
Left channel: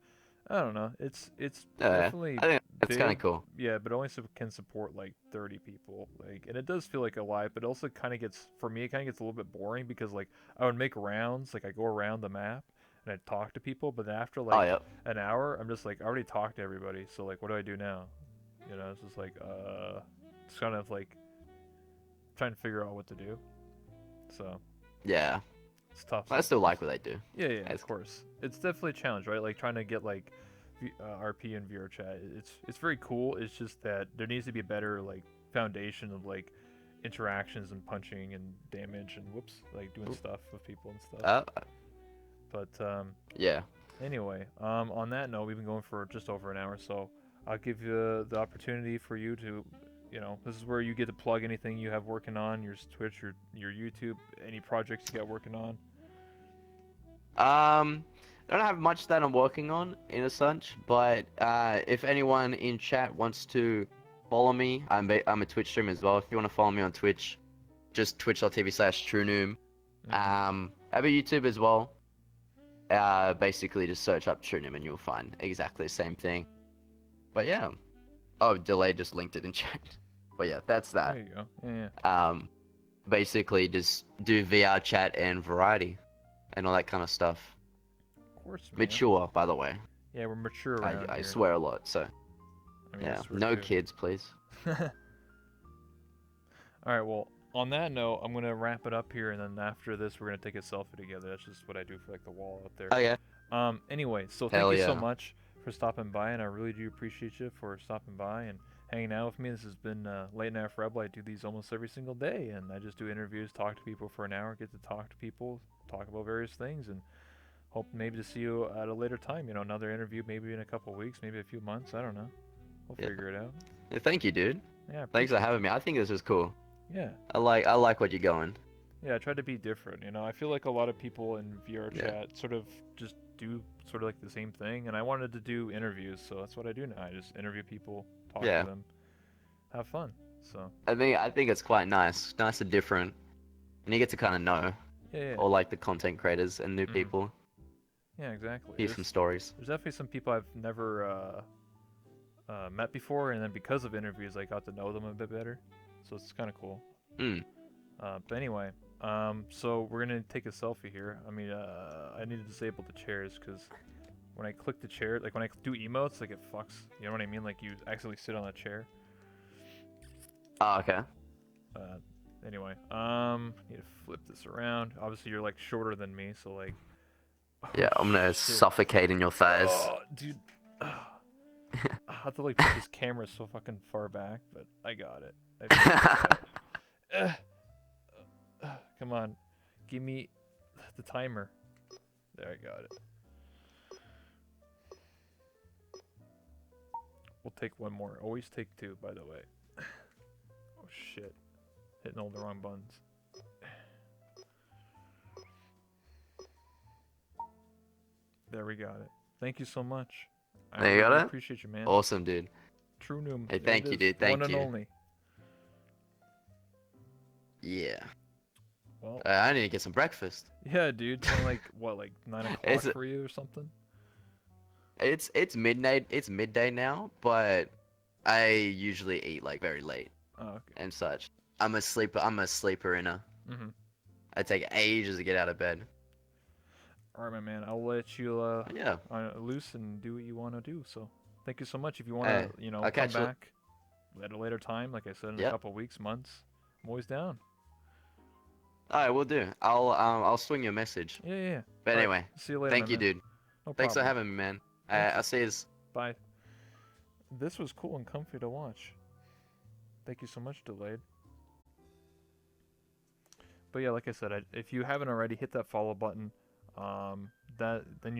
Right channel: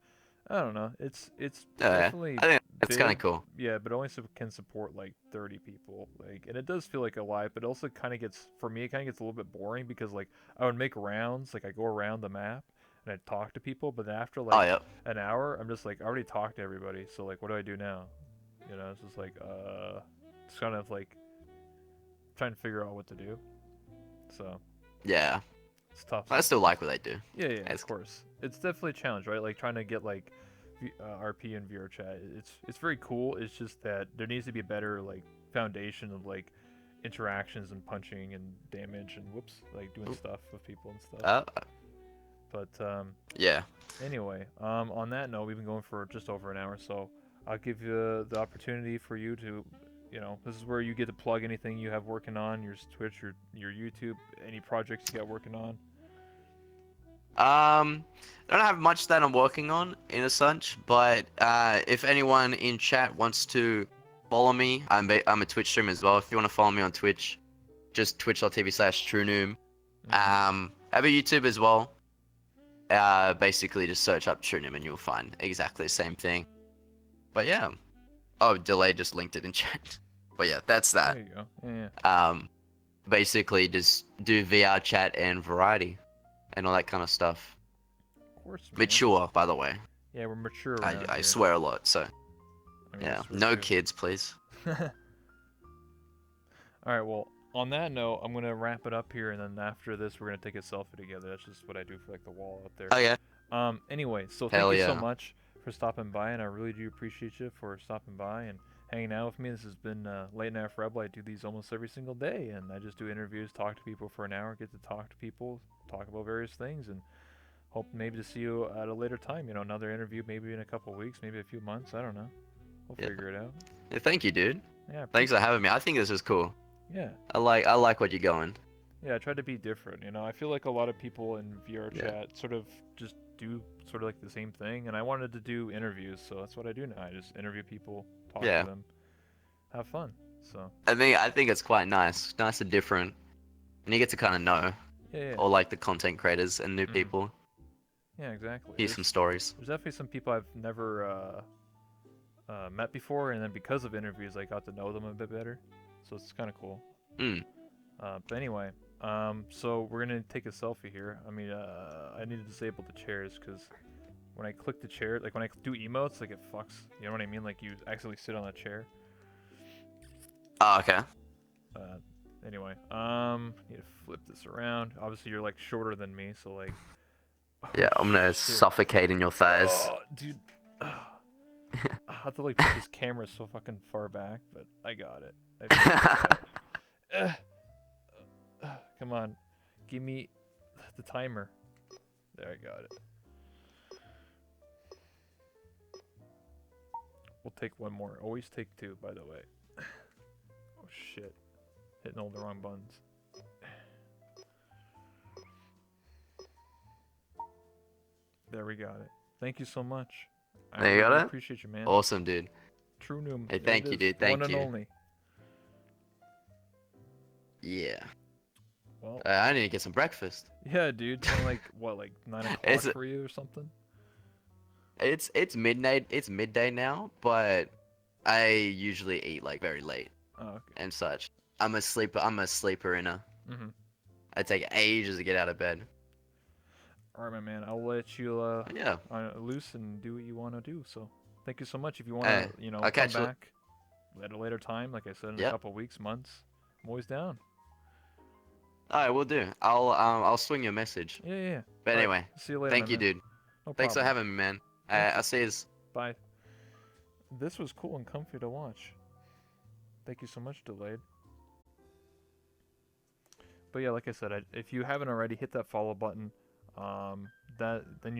I don't know. It's Yeah. definitely I think It's kind big, of cool. yeah, but only can support like 30 people. Like, and it does feel like a lot, but it also kind of gets, for me, it kind of gets a little bit boring because like I would make rounds, like I go around the map and I talk to people, but then after Oh like yeah. an hour, I'm just like I already talked to everybody, so like what do I do now? You know, it's just like it's kind of like trying to figure out what to do. So Yeah. it's tough I still sometimes. like what they do. Yeah, yeah, of It's, course. It's definitely a challenge, right? Like trying to get like RP and VR chat. It's very cool. It's just that there needs to be a better like foundation of like interactions and punching and damage and whoops, like doing stuff with people and stuff. uh, But yeah. anyway, on that note, we've been going for just over an hour, so I'll give you the opportunity for you to, you know, this is where you get to plug anything you have working on, your Twitch, your YouTube, any projects you got working on. I don't have much that I'm working on in a sense, but if anyone in chat wants to follow me, I'm a Twitch streamer as well. If you want to follow me on Twitch, just twitch.tv/Trunoom. Mm-hmm. I have a YouTube as well. Basically just search up Trunoom and you'll find exactly the same thing. But yeah. Oh, Delay just linked it in chat. But yeah, that's that. There you go. Yeah, yeah. Basically just do VR chat and variety and all that kind of stuff. Of course, man. Mature, by the way. Yeah, we're mature I, around I here. swear a lot, so I mean, I yeah. swear No too. kids, please. All right. Well, on that note, I'm gonna wrap it up here, and then after this, we're gonna take a selfie together. That's just what I do for like the wall out there. Oh yeah. Anyway, so thank Hell you so yeah. much for stopping by, and I really do appreciate you for stopping by and hanging out with me. This has been Late Night for Rebel. I do these almost every single day, and I just do interviews, talk to people for an hour, get to talk to people, talk about various things, and hope maybe to see you at a later time. You know, another interview, maybe in a couple weeks, maybe a few months. I don't know. We'll Yeah. figure it out. Yeah, thank you, dude. Yeah, I Thanks for appreciate having me. I think this is cool. you. Yeah. I like what you're going. Yeah, I try to be different. You know, I feel like a lot of people in VR Yeah. chat sort of just do sort of like the same thing, and I wanted to do interviews, so that's what I do now. I just interview people, talk to Yeah. them, have fun. So I think it's quite nice. Nice and different. And you get to kind of know yeah, yeah, all like the content creators and new hmm people. yeah, exactly. Hear some stories. There's definitely some people I've never met before, and then because of interviews, I got to know them a bit better. So it's kind of cool. Hmm. But anyway, so we're gonna take a selfie here. I mean, I need to disable the chairs because when I click the chair, like when I do emotes, like it fucks. You know what I mean? Like you accidentally sit on a chair. Oh, okay. Uh, anyway, need to flip this around. Obviously, you're like shorter than me, so like. Oh, Yeah, I'm gonna shit. suffocate in your thighs. Oh, dude. I have to like put this camera so fucking far back, but I got it. Come on, give me the timer. There, I got it. We'll take one more. Always take two, by the way. Oh shit, hitting all the wrong buttons. There, we got it. Thank you so much. I There you got really it? appreciate you, man. Awesome, dude. Trunoom. Hey, There thank it you, is. dude. Thank One you. and only. Yeah. Well, I need to get some breakfast. yeah, dude. It's only like what, like 9 o'clock Is it- for you or something? It's midnight. It's midday now, but I usually eat like very late Oh, okay. and such. I'm a sleeper. I'm a sleeper inner. Mhm. I take ages to get out of bed. All right, my man. I'll let you Yeah. loose and do what you want to do. So, thank you so much. If you want Hey, to, you know, I'll come catch you. back at a later time, like I said, in a Yep. couple weeks, months, I'm always down. All right, we'll do. I'll swing you a message. Yeah, yeah, yeah. But All right, anyway, see you later, thank my you, man. dude. No Thanks for problem. having me, man. Thank you. I'll see you. Bye. This was cool and comfy to watch. Thank you so much, Delayed. But yeah, like I said, if you haven't already, hit that follow button. Then